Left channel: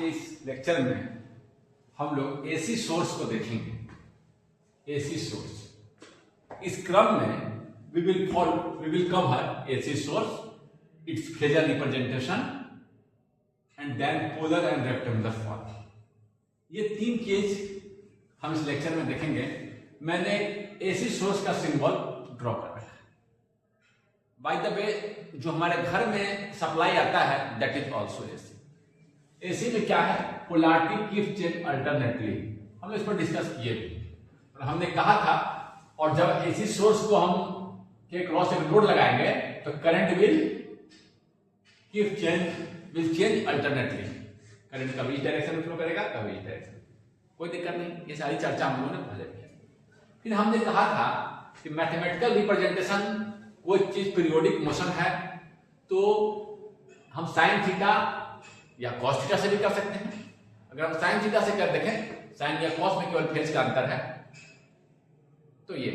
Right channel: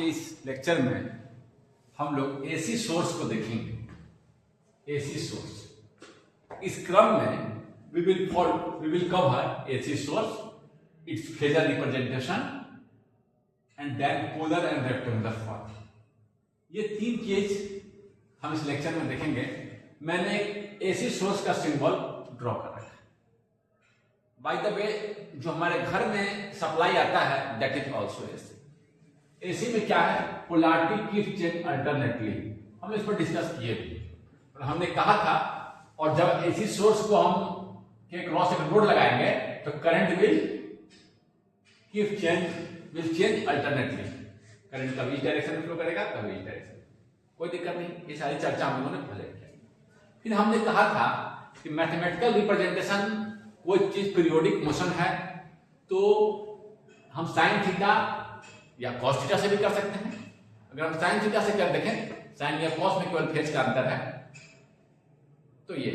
के इस लेक्चर में हम लोग एसी सोर्स को देखेंगे। एसी सोर्स, इस क्रम में we will cover AC source, its phasor representation and then polar and rectangular form। ये तीन केस हम इस लेक्चर में देखेंगे। मैंने एसी सोर्स का सिंबल ड्रॉ कर रखा है। बाय द वे, जो हमारे घर में सप्लाई आता है that is also AC. AC में क्या है, पोलैरिटी कीप चेंज अल्टरनेटली। हम इस पर डिस्कस किए भी और हमने कहा था, और जब एसी सोर्स को हम के क्रॉस एक लोड लगाएंगे तो current will change alternately. Current कभी इस डायरेक्शन में फ्लो करेगा, कभी इस डायरेक्शन। कोई दिक्कत नहीं, ये सारी चर्चा हम लोगों ने पहले की। फिर हमने कहा था कि मैथमेटिकल रिप्रेजेंटेशन कोई चीज पीरियोडिक मोशन है तो हम साइन थीटा या कॉस थीटा से भी कर सकते हैं। अगर हम साइन थीटा से कर देखें, साइन या कॉस में केवल फेज का अंतर है, तो ये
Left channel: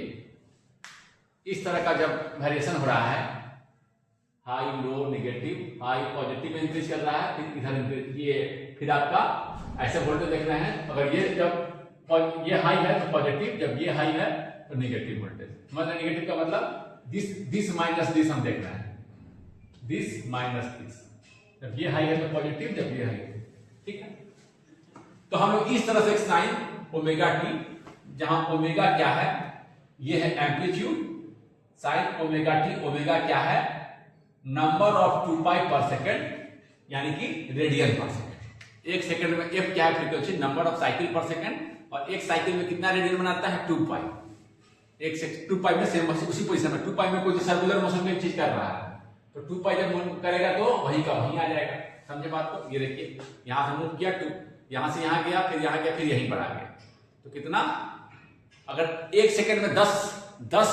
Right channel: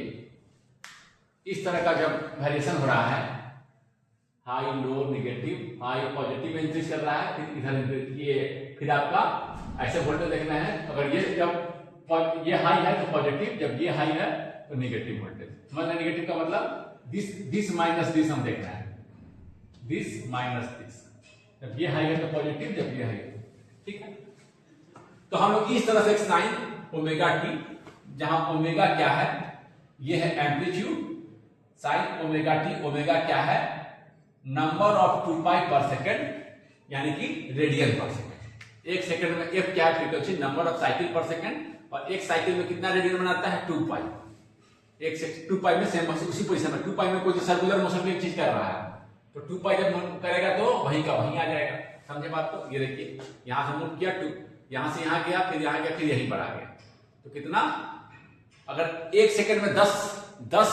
इस तरह का जब वेरिएशन हो रहा है, high low negative, high positive में इंक्रीज कर रहा है, फिर इधर ये फिर आपका ऐसे वोल्टेज देखना है। अगर ये जब ये हाई है तो पॉजिटिव, जब ये हाई है तो नेगेटिव वोल्टेज। मतलब नेगेटिव का मतलब दिस माइनस दिस हम देखना है, दिस माइनस दिस। जब ये हाई है तो पॉजिटिव, जब ये हाई है, ठीक है। तो हम लोग इस तरह से एक साइन ओमेगा टी, जहां ओमेगा क्या है, ये है amplitude, sign omega T. Omega क्या है, नंबर ऑफ 2 पाई पर सेकेंड, यानी कि रेडियन पर सेकेंड। एक सेकेंड में एफ क्या है, फ्रीक्वेंसी, नंबर ऑफ साइकिल पर सेकेंड। और एक साइकिल में कितना रेडियन बनाता है, 2 पाई। एक से 2 पाई में सेम उसी पोजीशन में, 2 पाई में कोई सर्कुलर मोशन में एक चीज कर रहा है तो 2 पाई जब करेगा तो वहीं का वहीं आ जाएगा। समझे बात को? ये देखिए, यहां हम लोग किया 2, यहां से यहां गया, फिर यहां गया, फिर यहीं पर आ गया। तो कितना, अगर एक सेकेंड में 10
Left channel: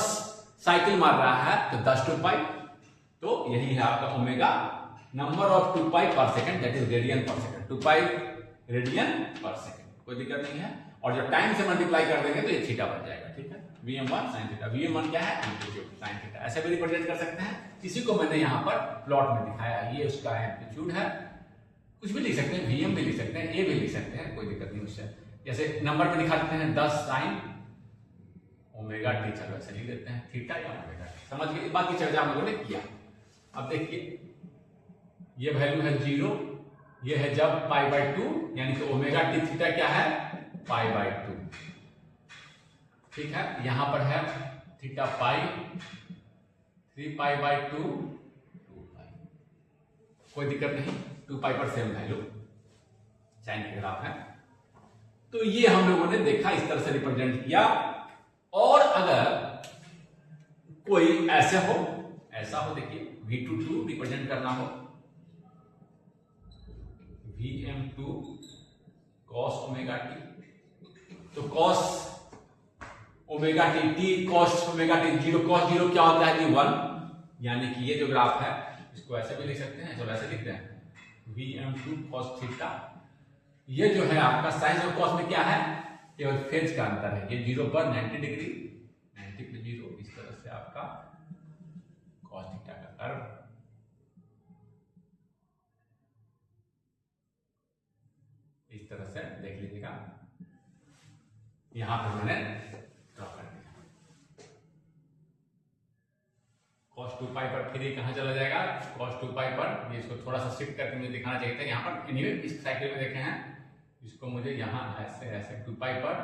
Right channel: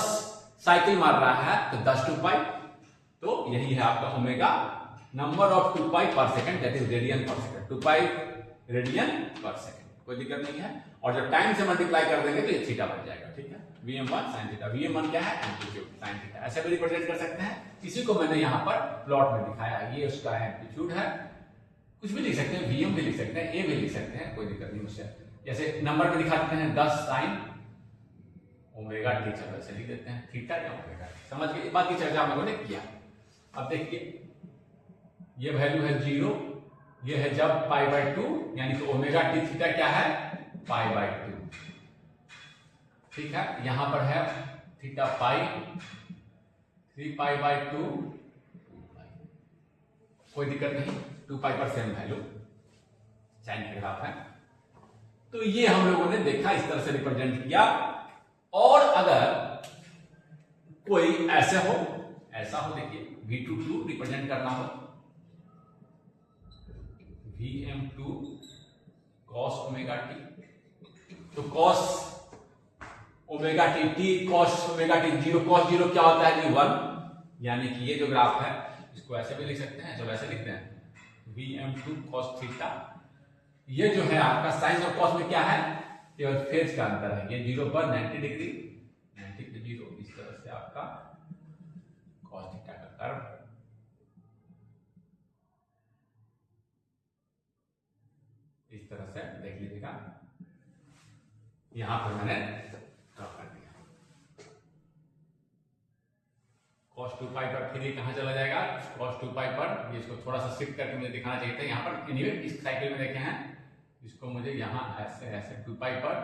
साइकिल मार रहा है तो 10 2 पाई। तो यही है आपका ओमेगा, नंबर ऑफ 2 पाई पर सेकेंड, दैट इज रेडियन पर सेकेंड। 2 पाई रेडियन पर सेकेंड, कोई दिक्कत नहीं है। और जब टाइम से मल्टीप्लाई कर देंगे तो ये थीटा बन जाएगा, ठीक है। Vm1 sin थीटा, Vm1 क्या है, एम्पलीट्यूड sin थीटा। ऐसे भी रिप्रेजेंट कर सकते हैं। इसी को मैंने यहाँ पर प्लॉट में दिखाया, ये उसका एम्पलीट्यूड है। कुछ भी लिख सकते हैं, Vm भी लिख सकते हैं, ए भी लिख सकते हैं, कोई दिक्कत नहीं उससे। जैसे नंबर पे दिखा देते हैं 10 sin ओमेगा टी, चलो ऐसे लिख देते हैं, थीटा या ओमेगा। समझ गए? बाकी चर्चा हम लोगों ने किया। अब देखिए, ये वैल्यू है 0, ये है जब π/2, यानी कि ओमेगा टी थीटा क्या है, π/2, ठीक है। यहां पर है थीटा पाई, 3π/2, 2π। कोई दिक्कत नहीं, 2π पर सेम वैल्यू साइन के ग्राफ है। तो ये हम लोगों ने देखा, इस तरह से रिप्रेजेंट किया। और अगर कोई ऐसा हो, देखिए V22 रिप्रेजेंट करना हो, Vm2 cos ओमेगा टी, तो cos omega T, T cos omega T 0, cos 0 क्या होता है, 1। यानी कि ये जो ग्राफ है इसको ऐसे भी लिख सकते हैं, चलो ऐसे लिखते हैं, Vm2 cos थीटा। ये जो है आपका साइन और कॉस में क्या है, केवल फेज का अंतर है। ये 0 पर 90 डिग्री, 90 पे 0, इस तरह से आपका कॉस थीटा का कर्व। इस तरह से देख लीजिएगा, यहां पर मैंने ड्रॉ कर दिया। cos 2 पाई पर फिर ये कहां चला जाएगा, cos 2 पाई पर। इसको थोड़ा सा शिफ्ट करके मुझे दिखाना चाहिए था। यहां पर एनीवे इस साइकिल में देखे हैं, इसको मुझे यहां ऐसे 2 पाई पर,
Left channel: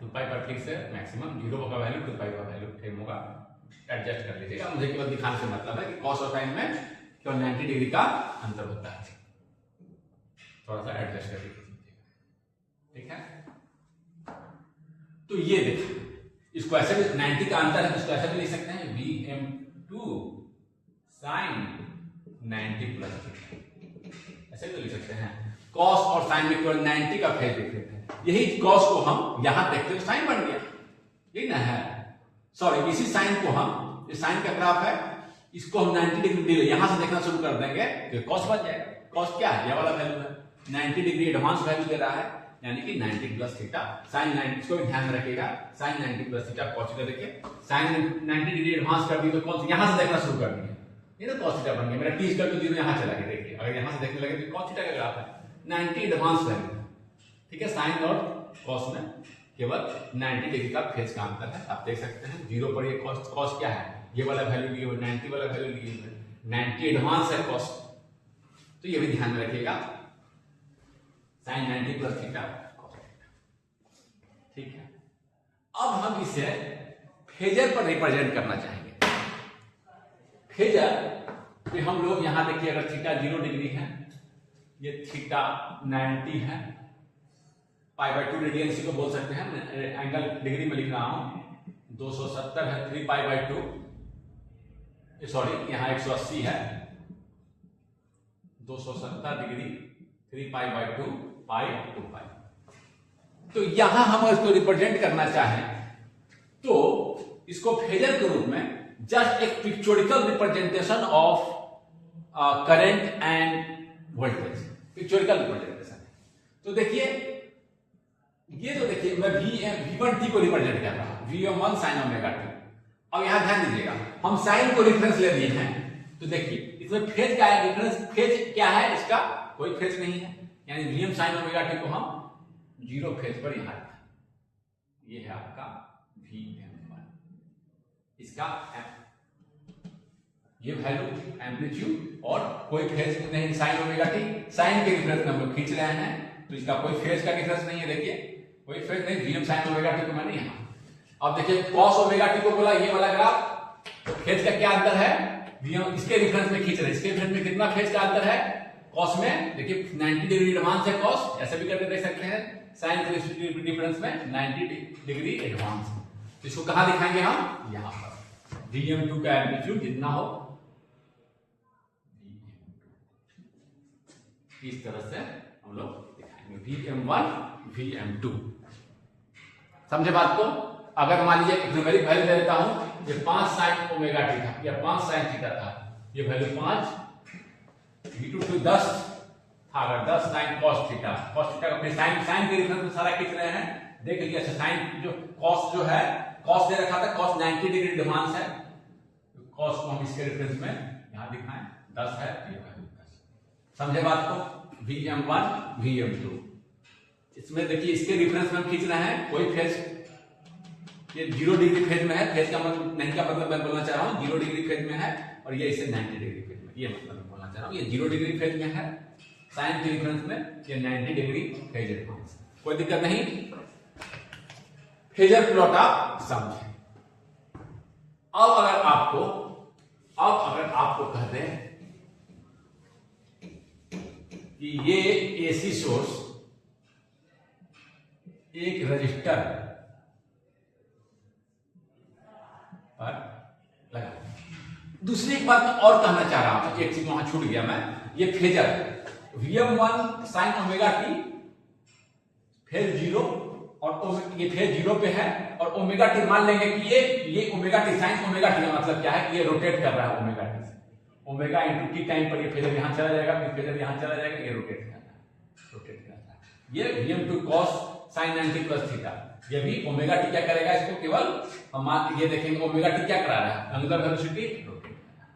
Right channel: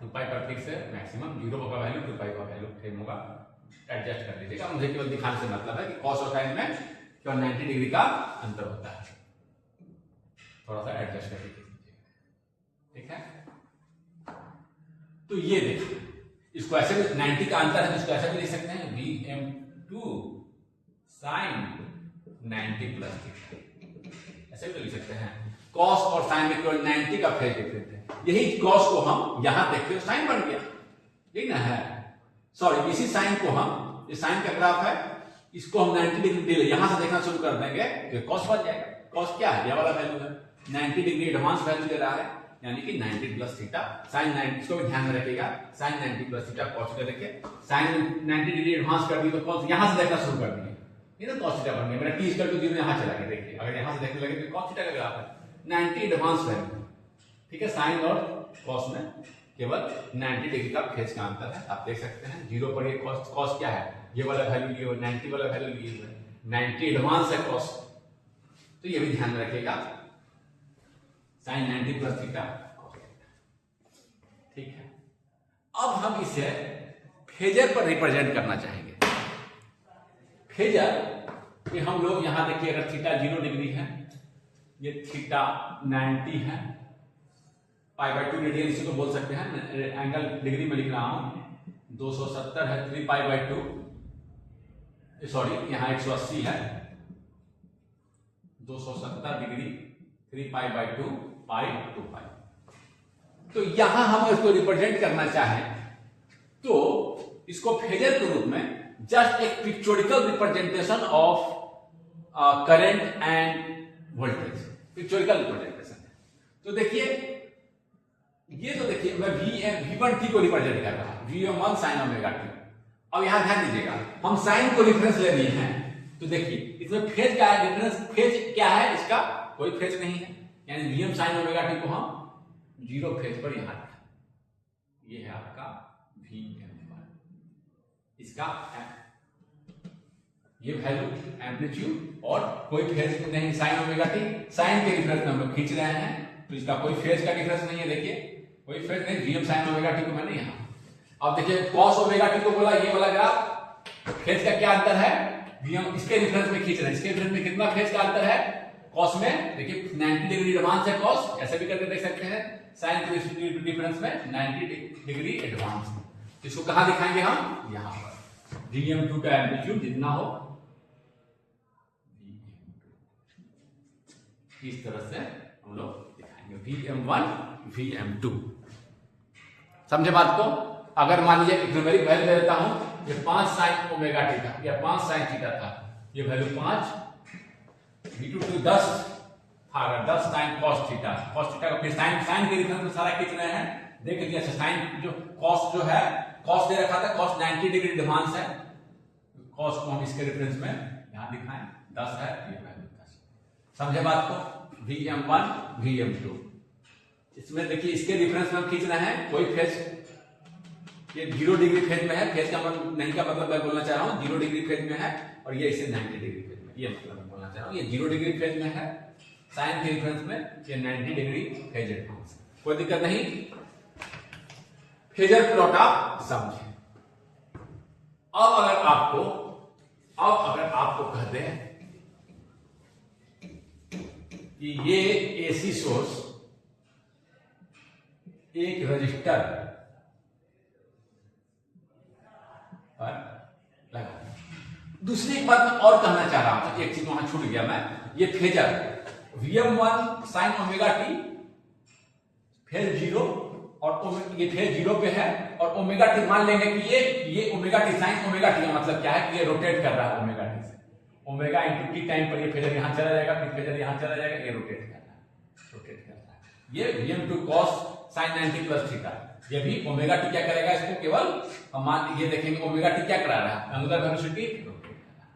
2 पाई पर फिर से मैक्सिमम 0 का वैल्यू 2 पाई का वैल्यू सेम होगा, एडजस्ट कर लीजिएगा। मुझे केवल दिखाने से मतलब है कि cos और sin में केवल 90 डिग्री का अंतर होता है, थोड़ा सा एडजस्ट कर लीजिए, ठीक है। तो ये देखिए, इसको ऐसे भी 90 का अंतर है तो इसको ऐसे भी लिख सकते हैं, Vm2 sin 90 प्लस थीटा, ऐसे भी लिख सकते हैं। cos और sin में केवल 90 का फेज देख लेते हैं। यही cos को हम यहां देखते हो sin बन गया, यही ना है। सॉरी, इसी sin को हम, ये sin का ग्राफ है, इसको हम 90 डिग्री यहां से देखना शुरू कर देंगे तो cos बन जाएगा। cos क्या है, ये वाला वैल्यू है, 90 डिग्री एडवांस वैल्यू दे रहा है, यानी कि 90 प्लस थीटा साइन 90, इसको भी ध्यान में रखिएगा, sine 90 plus theta cos theta. देखिए साइन 90 डिग्री एडवांस कर दी तो कौन यहां से देखना शुरू कर दिए ये ना cos थीटा बन गया मेरा, t इक्वल टू 0 यहाँ चला गया। देखिए अगर यहाँ से देखने लगे तो cos थीटा का ग्राफ है 90 एडवांस वैल्यू, ठीक है। साइन और cos में केवल 90 डिग्री का फेज का अंतर है, आप देख सकते हैं। 0 पर ये cos क्या है, ये वाला वैल्यू लिए हुए, 90 वाला वैल्यू लिए हुए, 90 एडवांस है cos, तो ये भी ध्यान में रखिएगा, साइन 90 प्लस थीटा, ठीक है। अब हम इसे फेजर पर रिप्रेजेंट करना चाहेंगे। फेजर पे हम लोग यहां देखिए, अगर थीटा 0 डिग्री है, ये थीटा 90 है, π/2 रेडियन इसी को बोल सकते हैं, एंगल डिग्री में लिख रहा हूं, 270 है, 3π/2, सॉरी यहाँ 180 है, 270 डिग्री 3π/2 π/2π। तो यहां हम इसको रिप्रेजेंट करना चाहें तो इसको फेजर के रूप में जस्ट एक pictorial representation of current and voltage, pictorial representation है। तो देखिए ये जो देखिए मैं V1t को रिप्रेजेंट कर रहा हूं, Vm1 sin ओमेगा t। अब यहां ध्यान दीजिएगा, हम साइन को रेफरेंस ले लिए हैं, तो देखिए इसमें फेज का है, रेफरेंस फेज क्या है, इसका कोई फेज नहीं है, यानी Vm sin ओमेगा t को हम 0 फेज पर यहां लिखा, ये है आपका Vm1, इसका ये वैल्यू एम्पलीट्यूड और कोई फेज नहीं, साइन ओमेगा टी साइन के रेफरेंस में हम लोग खींच रहे हैं, तो इसका कोई फेज का डिफरेंस नहीं है। देखिए कोई फेज नहीं, Vm sin ओमेगा टी को मैंने यहां, अब देखिए cos ओमेगा टी को बोला, ये वाला ग्राफ, तो फेज का क्या अंतर है, Vm इसके रेफरेंस में खींच रहे हैं, इसके रेफरेंस में कितना फेज का अंतर है, cos में देखिए 90 डिग्री एडवांस है cos, ऐसे भी करके देख सकते हैं, साइन के डिफरेंस में 90 डिग्री एडवांस, तो इसको कहां दिखाएंगे हम, यहां पर Vm2 का एम्पलीट्यूड जितना हो, इस तरह से हम लोग दिखाएंगे Vm1 Vm2, समझे बात को। अगर मान लीजिए एक न्यूमेरिक वैल्यू ले लेता हूं, ये 5 साइन ओमेगा टी था या 5 साइन थीटा था, ये वैल्यू 5, V2 to 10 था, अगर 10 साइन cos थीटा का फिर साइन के रेफरेंस में सारा खींच रहे हैं, देख लीजिए साइन जो cos जो है, cos दे रखा था, cos 90 डिग्री एडवांस है, cos को हम इसके रेफरेंस में यहां दिखाएं, 10 है, ये वैल्यू 10, समझे बात को। Vm1 Vm2, इसमें देखिए इसके रेफरेंस में खींच रहे हैं, कोई फेज, ये 0 डिग्री फेज में है, फेज का मतलब नहीं का मतलब मैं बोलना चाह रहा हूं 0 डिग्री फेज में है, और ये इसे 90 डिग्री फेज में, ये मतलब मैं बोलना चाह रहा हूं, ये 0 डिग्री फेज में है, साइन के रेफरेंस में ये 90 डिग्री फेज एडवांस, कोई दिक्कत नहीं, फेजर प्लॉट आप समझे। अब अगर आपको कहते हैं कि ये एसी सोर्स एक रजिस्टर पर लगा, दूसरी एक बात मैं और कहना चाह रहा था, एक चीज वहां छूट गया मैं, ये phasor Vm1 sin omega T phase 0 और ये फेज 0 पे है, और ओमेगा टी मान लेंगे कि ये omega T sign omega T का मतलब क्या है कि ये रोटेट कर रहा है ओमेगा टी से, ओमेगा इंटू टी टाइम पर ये फेजर यहां चला जाएगा, फिर फेजर यहां चला जाएगा, ये रोटेट कर रहा है, ये Vm2 cos sin 90 plus theta, ये भी ओमेगा टी क्या करेगा, इसको केवल हम मान ये देखेंगे ओमेगा टी क्या करा रहा है, एंगुलर वेलोसिटी रोटेट कर रहा है।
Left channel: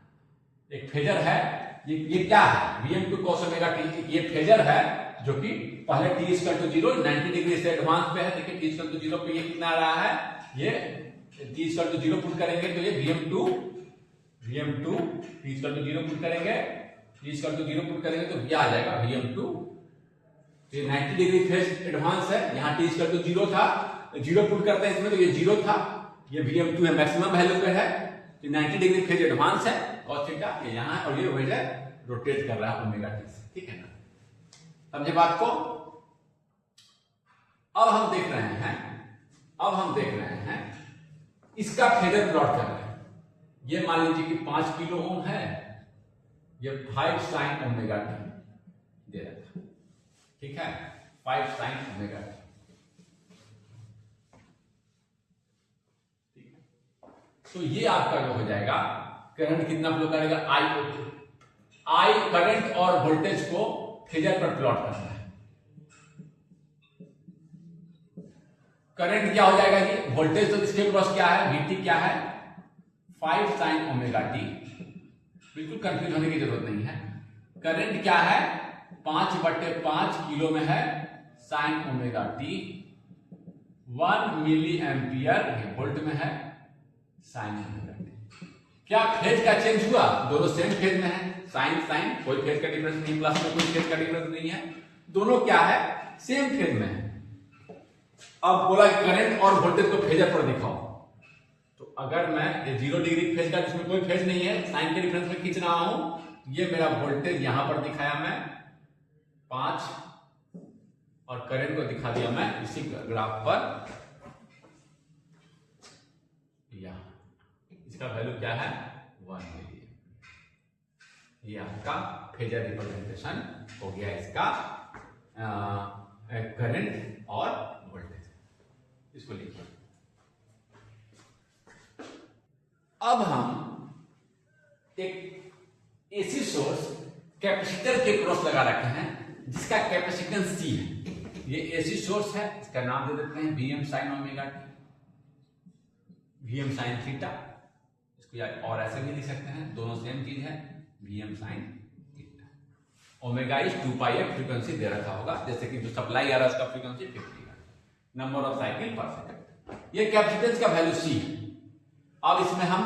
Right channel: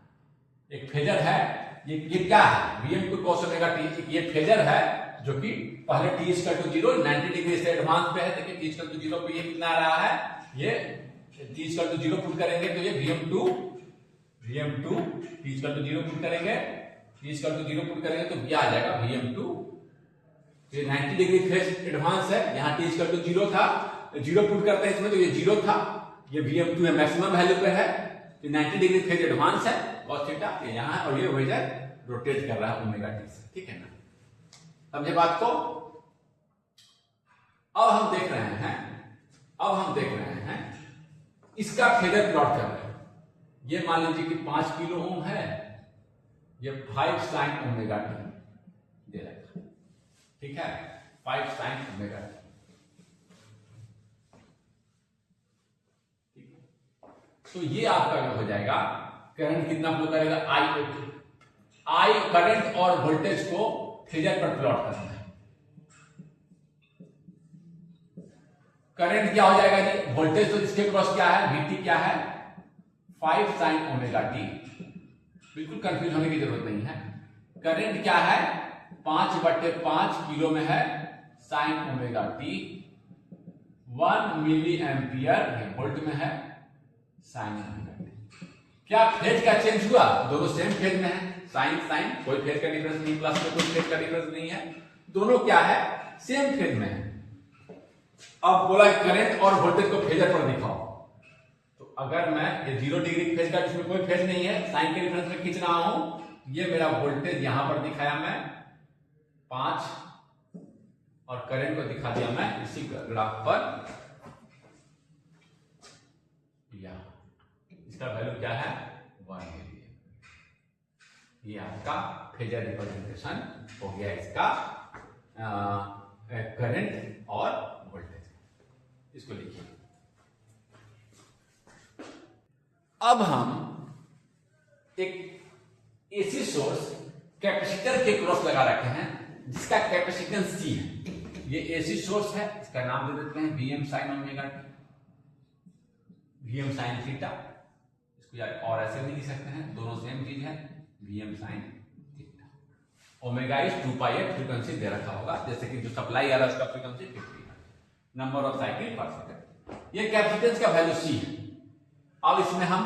एक फेजर है, ये क्या है, Vm2 cos ओमेगा टी, ये फेजर है जो कि पहले t इक्वल टू 0 90 डिग्री से एडवांस पे है, देखिए t इक्वल टू 0 पे ये कितना आ रहा है, ये t इक्वल टू 0 पुट करेंगे तो ये Vm2 t equal to 0 put करेंगे, t इक्वल टू 0 पुट करेंगे तो क्या आ जाएगा Vm2, ये 90 डिग्री फेज एडवांस है, यहाँ t इक्वल टू 0 था, 0 पुट करते हैं इसमें तो ये 0 था, ये Vm2 है मैक्सिमम वैल्यू पे है, तो 90 डिग्री फेज एडवांस है cos थीटा, ये यहाँ और ये वेजर रोटेट कर रहा है ओमेगा टी से, ठीक है ना, समझे बात को। अब हम देख रहे हैं इसका फेजर प्लॉट कर रहे हैं, ये मान लीजिए कि 5 किलो ओम है, ये 5 साइन ओमेगा टी दे रखा, ठीक है, 5 साइन ओमेगा टी, ठीक है, तो ये आपका हो जाएगा, करंट कितना फ्लो करेगा, आई करंट और वोल्टेज को फेजर पर प्लॉट करना है, करंट क्या हो जाएगा जी, वोल्टेज तो इसके क्रॉस क्या है, Vt क्या है 5 साइन ओमेगा टी बिल्कुल कंफ्यूज होने की जरूरत नहीं है। करंट क्या है, 5/5 किलो में है sine omega t, 1 milli ampere volt में है साइन ओमेगा टी। क्या फेज का चेंज हुआ? दोनों सेम फेज में है, साइन साइन, कोई फेज का डिफरेंस नहीं, प्लस में कोई फेज का डिफरेंस नहीं है, दोनों क्या है, सेम फेज में है। अब बोला करंट और वोल्टेज को फेजर पर दिखाओ, तो अगर मैं ये 0 डिग्री फेज का, जिसमें कोई फेज नहीं है, साइन के डिफरेंस में खींच रहा हूं, ये मेरा वोल्टेज यहां पर दिखाया मैं 5 और करंट को दिखा दिया मैं इसी ग्राफ पर यहां। इसका वैल्यू क्या है, 1 मिली। ये आपका फेजर रिप्रेजेंटेशन हो गया इसका करंट और वोल्टेज। इसको लिखिए। अब हम एक एसी सोर्स कैपेसिटर के क्रॉस लगा रखे हैं जिसका कैपेसिटेंस C है। ये एसी सोर्स है, इसका नाम दे देते हैं Vm sin omega T, Vm sin theta. इसको यार और ऐसे भी लिख सकते हैं, दोनों सेम चीज है, Vm sin थीटा। ओमेगा इज 2πf फ्रीक्वेंसी दे रखा होगा, जैसे कि जो सप्लाई आ रहा है उसका फ्रीक्वेंसी 50 है, नंबर ऑफ साइकिल पर सेकंड। ये कैपेसिटेंस का वैल्यू C है। अब इसमें हम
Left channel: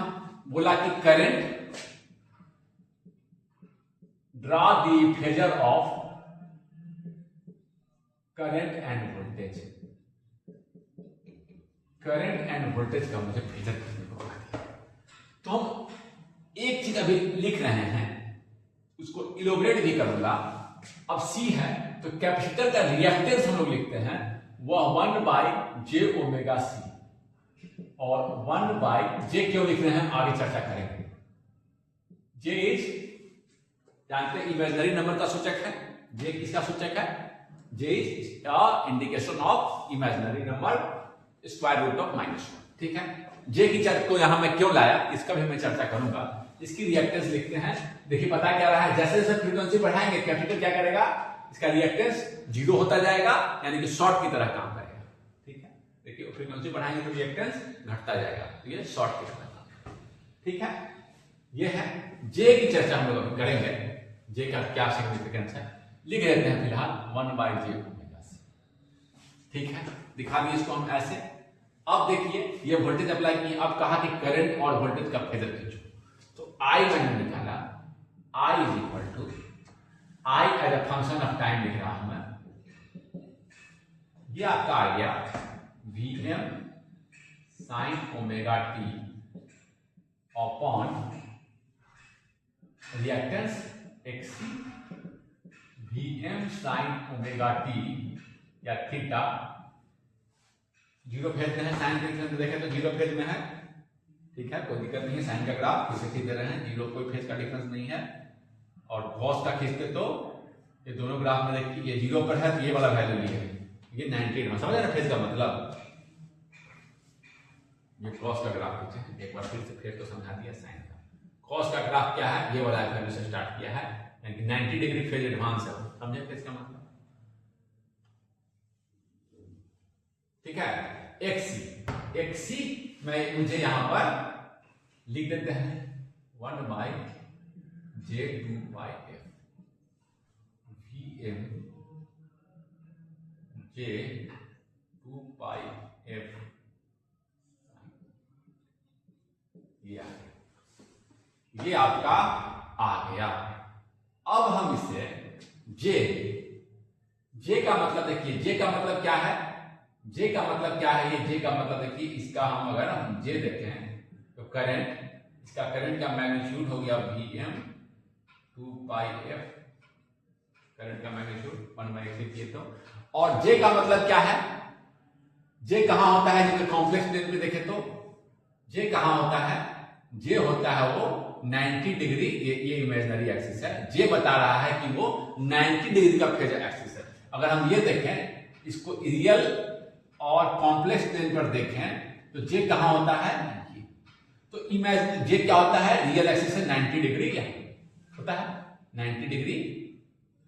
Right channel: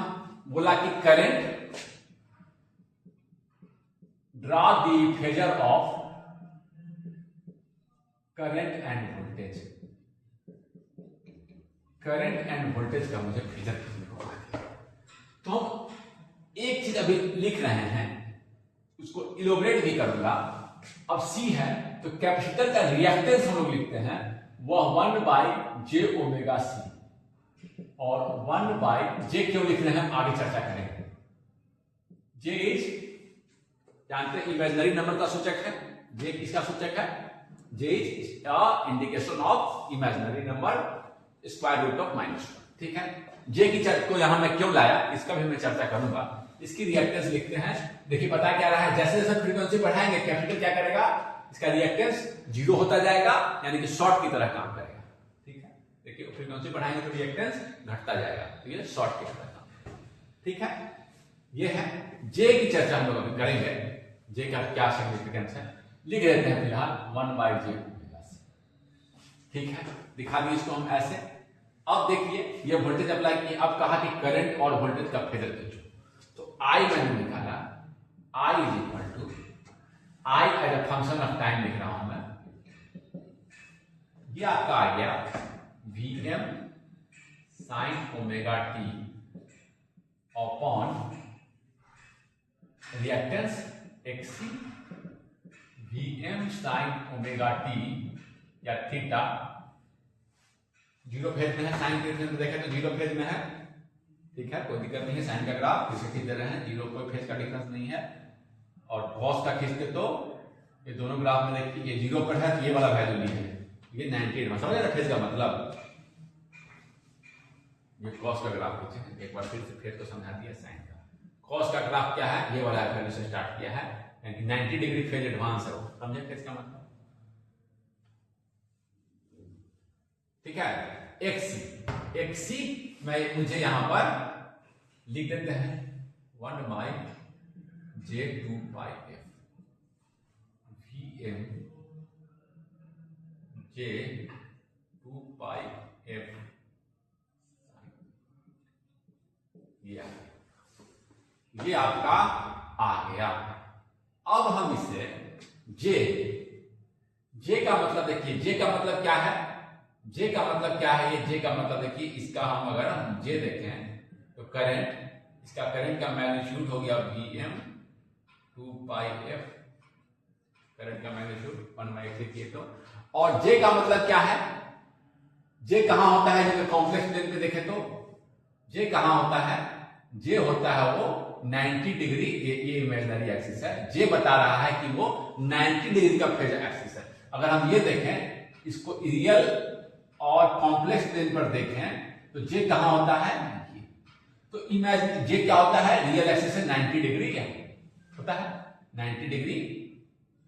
बोला कि current draw the phasor of current and voltage. Current and voltage का मुझे फेजर करने को है, तो हम एक चीज अभी लिख रहे हैं, उसको इलोबरेट भी करूंगा। अब C है तो कैपेसिटर का रिएक्टेंस हम लोग लिखते हैं, वह 1/j ओमेगा C, और 1/j क्यों लिख रहे हैं हम आगे चर्चा करेंगे। J इज, जानते हैं इमेजिनरी नंबर का सूचक है, J किसका सूचक है, J is indication of imaginary number square root of -1। ठीक है, J की चर्चा को यहां मैं क्यों लाया इसका भी मैं चर्चा करूंगा। इसकी रिएक्टेंस लिखते हैं। देखिए पता क्या रहा है, जैसे जैसे फ्रीक्वेंसी बढ़ाएंगे कैपेसिटर क्या करेगा, इसका रिएक्टेंस 0 होता जाएगा, यानी कि शॉर्ट की तरह काम करेगा। ठीक है, देखिए फ्रीक्वेंसी बढ़ाएंगे तो रिएक्टेंस घटता जाएगा, तो ये शॉर्ट की तरह काम। ठीक है, ये है J की चर्चा हम लोग अभी करेंगे, J का क्या सिग्निफिकेंस है लिख लेते हैं फिलहाल 1/j ओमेगा C। ठीक है, दिखा दिए इसको हम ऐसे। अब देखिए ये वोल्टेज अप्लाई किए, अब कहा कि करंट और वोल्टेज का फेजर खींचो, तो I मैंने निकाला, I is equal to, I as a function of time लिख रहा हूं मैं, ये आपका आ गया Vm sin omega T upon reactance XC Vm sin omega T या थीटा। 0 फेज में है, साइन के में देखें तो 0 फेज में है। ठीक है, कोई दिक्कत नहीं है, साइन का ग्राफ किसे खींच दे रहे हैं, 0 कोई फेज का डिफरेंस नहीं है। और कॉस का खींचते तो ये दोनों ग्राफ में देखिए, ये 0 पर है तो ये वाला वैल्यू नहीं है, ये 90 में, समझ रहे फेज का मतलब। ये कॉस का ग्राफ खींचे, एक बार फिर से फेज को समझा दिया साइन का। कॉस का ग्राफ क्या है, ये वाला वैल्यू से स्टार्ट किया है, यानी कि 90 डिग्री फेज एडवांस है, समझे फेज का मतलब। ठीक है, XC में मुझे यहां पर लिख देते हैं 1/j 2πf Vm j 2πf। ये आपका आ गया। अब हम इसे J का मतलब देखिए, J का मतलब क्या है, J का मतलब क्या है, ये J का मतलब देखिए, इसका हम अगर हम J देखें तो करंट, इसका करंट का मैग्नीट्यूड हो गया Vm 2πf, करंट का मैग्नीट्यूड 1/8 किए तो। और J का मतलब क्या है, J कहां होता है, जब कॉम्प्लेक्स प्लेन पे देखें तो J कहां होता है, J होता है वो 90 डिग्री, ये इमेजिनरी एक्सिस है, J बता रहा है कि वो 90 डिग्री का फेज एक्सिस है। अगर हम ये देखें, इसको रियल और कॉम्प्लेक्स प्लेन पर देखें तो J कहां होता है, तो इमेजिन J क्या होता है, रियल एक्सिस से 90 डिग्री क्या होता है, 90 डिग्री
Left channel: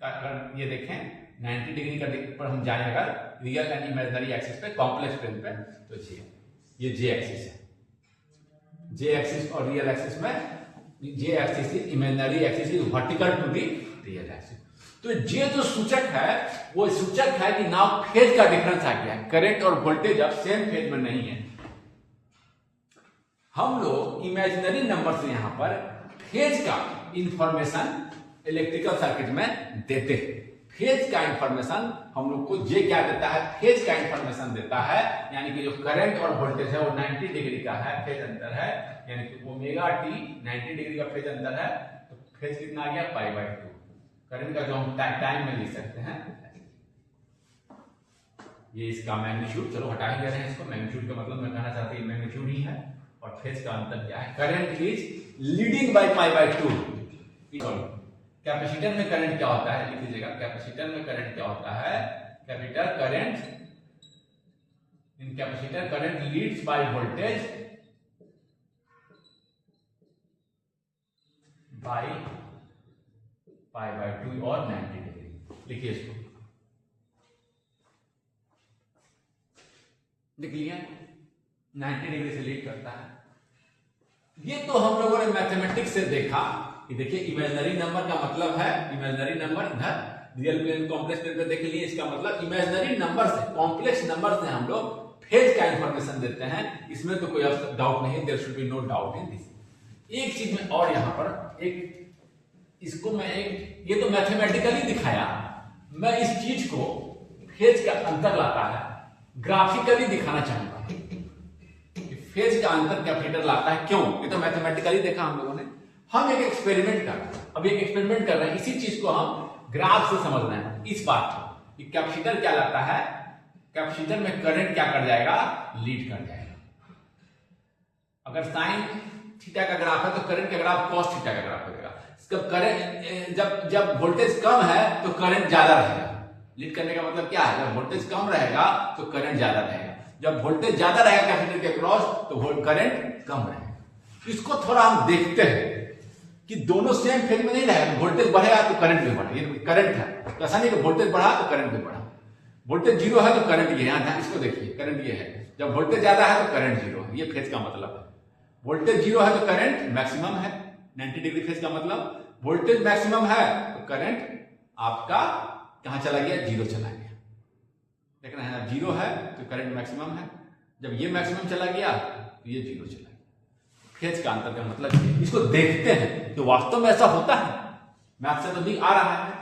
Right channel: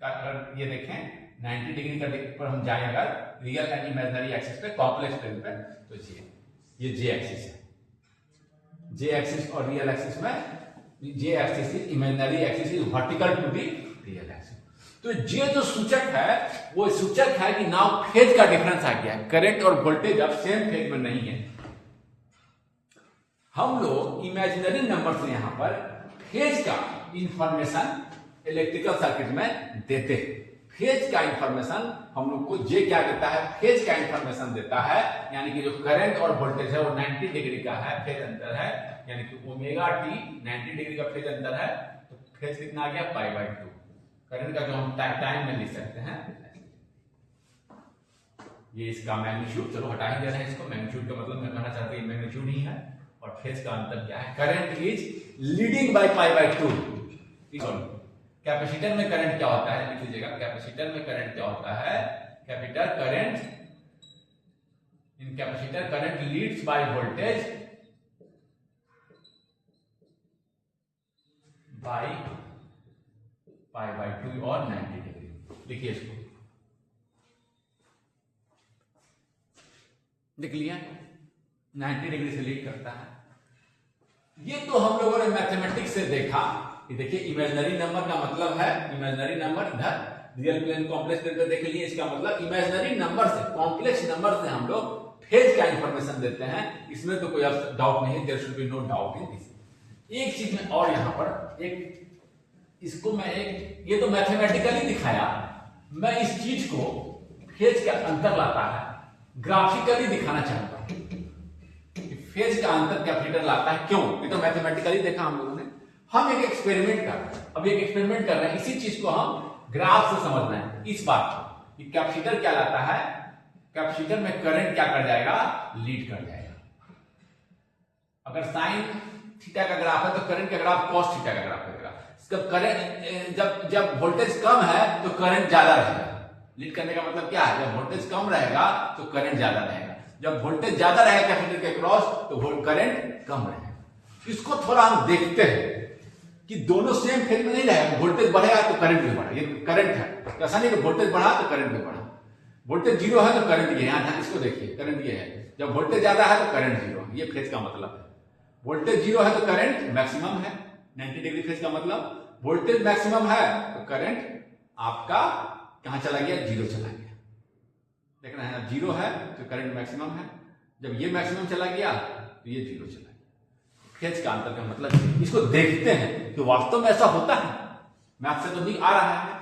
का अगर ये देखें 90 डिग्री का पर हम जाएं अगर रियल एंड इमेजिनरी एक्सिस पे, कॉम्प्लेक्स प्लेन पे, तो ये J एक्सिस है। J एक्सिस और रियल एक्सिस में J axis is imaginary axis is vertical to the real axis. तो ये जो सूचक है वो सूचक है कि नाउ फेज का डिफरेंस आ गया है। करंट और वोल्टेज अब सेम फेज में नहीं है। हम लोग इमेजिनरी नंबर से यहां पर फेज का इंफॉर्मेशन इलेक्ट्रिकल सर्किट में देते हैं। फेज का इंफॉर्मेशन हम लोग को जे क्या देता है, फेज का इंफॉर्मेशन देता है, यानी कि जो करंट और वोल्टेज है वो 90 डिग्री का है, फेज अंतर है, यानी कि ओमेगा टी 90 डिग्री का फेज अंतर है, तो फेज कितना आ गया π/2। करंट का जो हम टाइम में लिख सकते हैं, ये इसका मैग्नीट्यूड, चलो हटा ही दे रहे हैं इसको, मैग्नीट्यूड का मतलब मैं कहना चाहता हूं मैग्नीट्यूड ही है, और फेज का अंतर क्या है, current is leading by π/2। Capacitor में करंट क्या होता है, लिख लीजिएगा, कैपेसिटर में करंट क्या होता है, capacitor current, in capacitor current leads by voltage by π/2 और 90 डिग्री। लिखिए इसको, लिख लिया, 90 डिग्री से लीड करता है। ये तो हम लोगों ने मैथमेटिक्स से देखा कि देखिए इमेजिनरी नंबर का मतलब है, इमेजिनरी नंबर इधर रियल प्लेन कॉम्प्लेक्स प्लेन पे देख लिए, इसका मतलब इमेजिनरी नंबर से, कॉम्प्लेक्स नंबर से हम लोग फेज का इंफॉर्मेशन देते हैं। इसमें तो कोई डाउट नहीं, there should be no doubt in this. एक चीज में और यहां पर एक, इसको मैं एक, ये तो मैथमेटिकली दिखाया, मैं इस चीज को फेज का अंतर लाता है ग्राफिकली दिखाना चाहूंगा। फेज का अंतर कैपेसिटर लाता है, क्यों? ये तो मैथमेटिकली देखा हम लोगों ने। हम एक एक्सपेरिमेंट कर रहे हैं, अब एक एक्सपेरिमेंट कर रहे हैं, इसी चीज को हम ग्राफ से समझना है, इस बात को कि कैपेसिटर क्या लाता है, कैपेसिटर में करंट क्या कर जाएगा, लीड कर जाएगा। अगर साइन थीटा का ग्राफ है तो करंट का ग्राफ कॉस थीटा का ग्राफ होगा। जब करंट, जब वोल्टेज कम है तो करंट ज्यादा रहेगा। लीड करने का मतलब क्या है, जब वोल्टेज कम रहेगा तो करंट ज्यादा रहेगा, जब वोल्टेज ज्यादा रहेगा कैपेसिटर के क्रॉस तो करंट कम रहेगा। इसको थोड़ा हम देखते हैं कि दोनों सेम फेज में नहीं रहेगा, वोल्टेज बढ़ेगा तो करंट भी बढ़ेगा, ये करंट है, ऐसा नहीं कि वोल्टेज बढ़ा तो करंट भी बढ़ा। वोल्टेज जीरो है तो करंट ये है, इसको देखिए, करंट ये है, जब वोल्टेज ज्यादा है तो करंट जीरो है, ये फेज का मतलब है। वोल्टेज जीरो है तो करंट मैक्सिमम है, 90 डिग्री फेज का मतलब वोल्टेज मैक्सिमम है तो करंट आपका कहां चला गया, जीरो चला गया। देख रहे हैं, अब जीरो है तो करंट मैक्सिमम है, जब ये मैक्सिमम चला गया तो ये जीरो चला गया। फेज का अंतर का मतलब है, इसको देखते हैं कि वास्तव में ऐसा होता है, मैथ से तो दिख आ रहा है।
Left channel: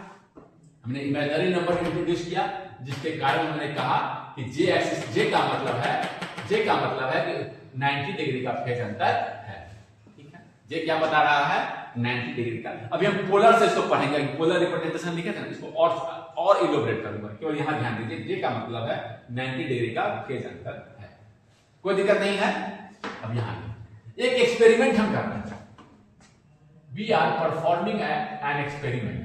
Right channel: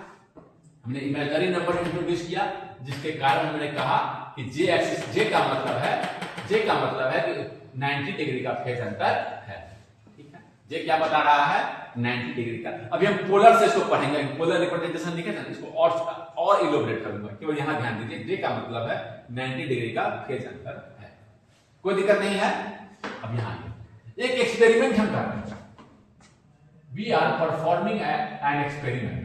हमने इमेजिनरी नंबर इंट्रोड्यूस किया, जिसके कारण हमने कहा कि जे एक्सिस, जे का मतलब है, जे का मतलब है कि 90 डिग्री का फेज अंतर है। ठीक है, जे क्या बता रहा है, 90 डिग्री का। अभी हम पोलर से इसको पढ़ेंगे, पोलर रिप्रेजेंटेशन लिखे थे, इसको और इलोबरेट करूंगा, केवल यहां ध्यान दीजिए, जे का मतलब है 90 डिग्री का फेज अंतर है। कोई दिक्कत नहीं है। अब यहां एक एक्सपेरिमेंट हम कर रहे हैं, we are performing an experiment.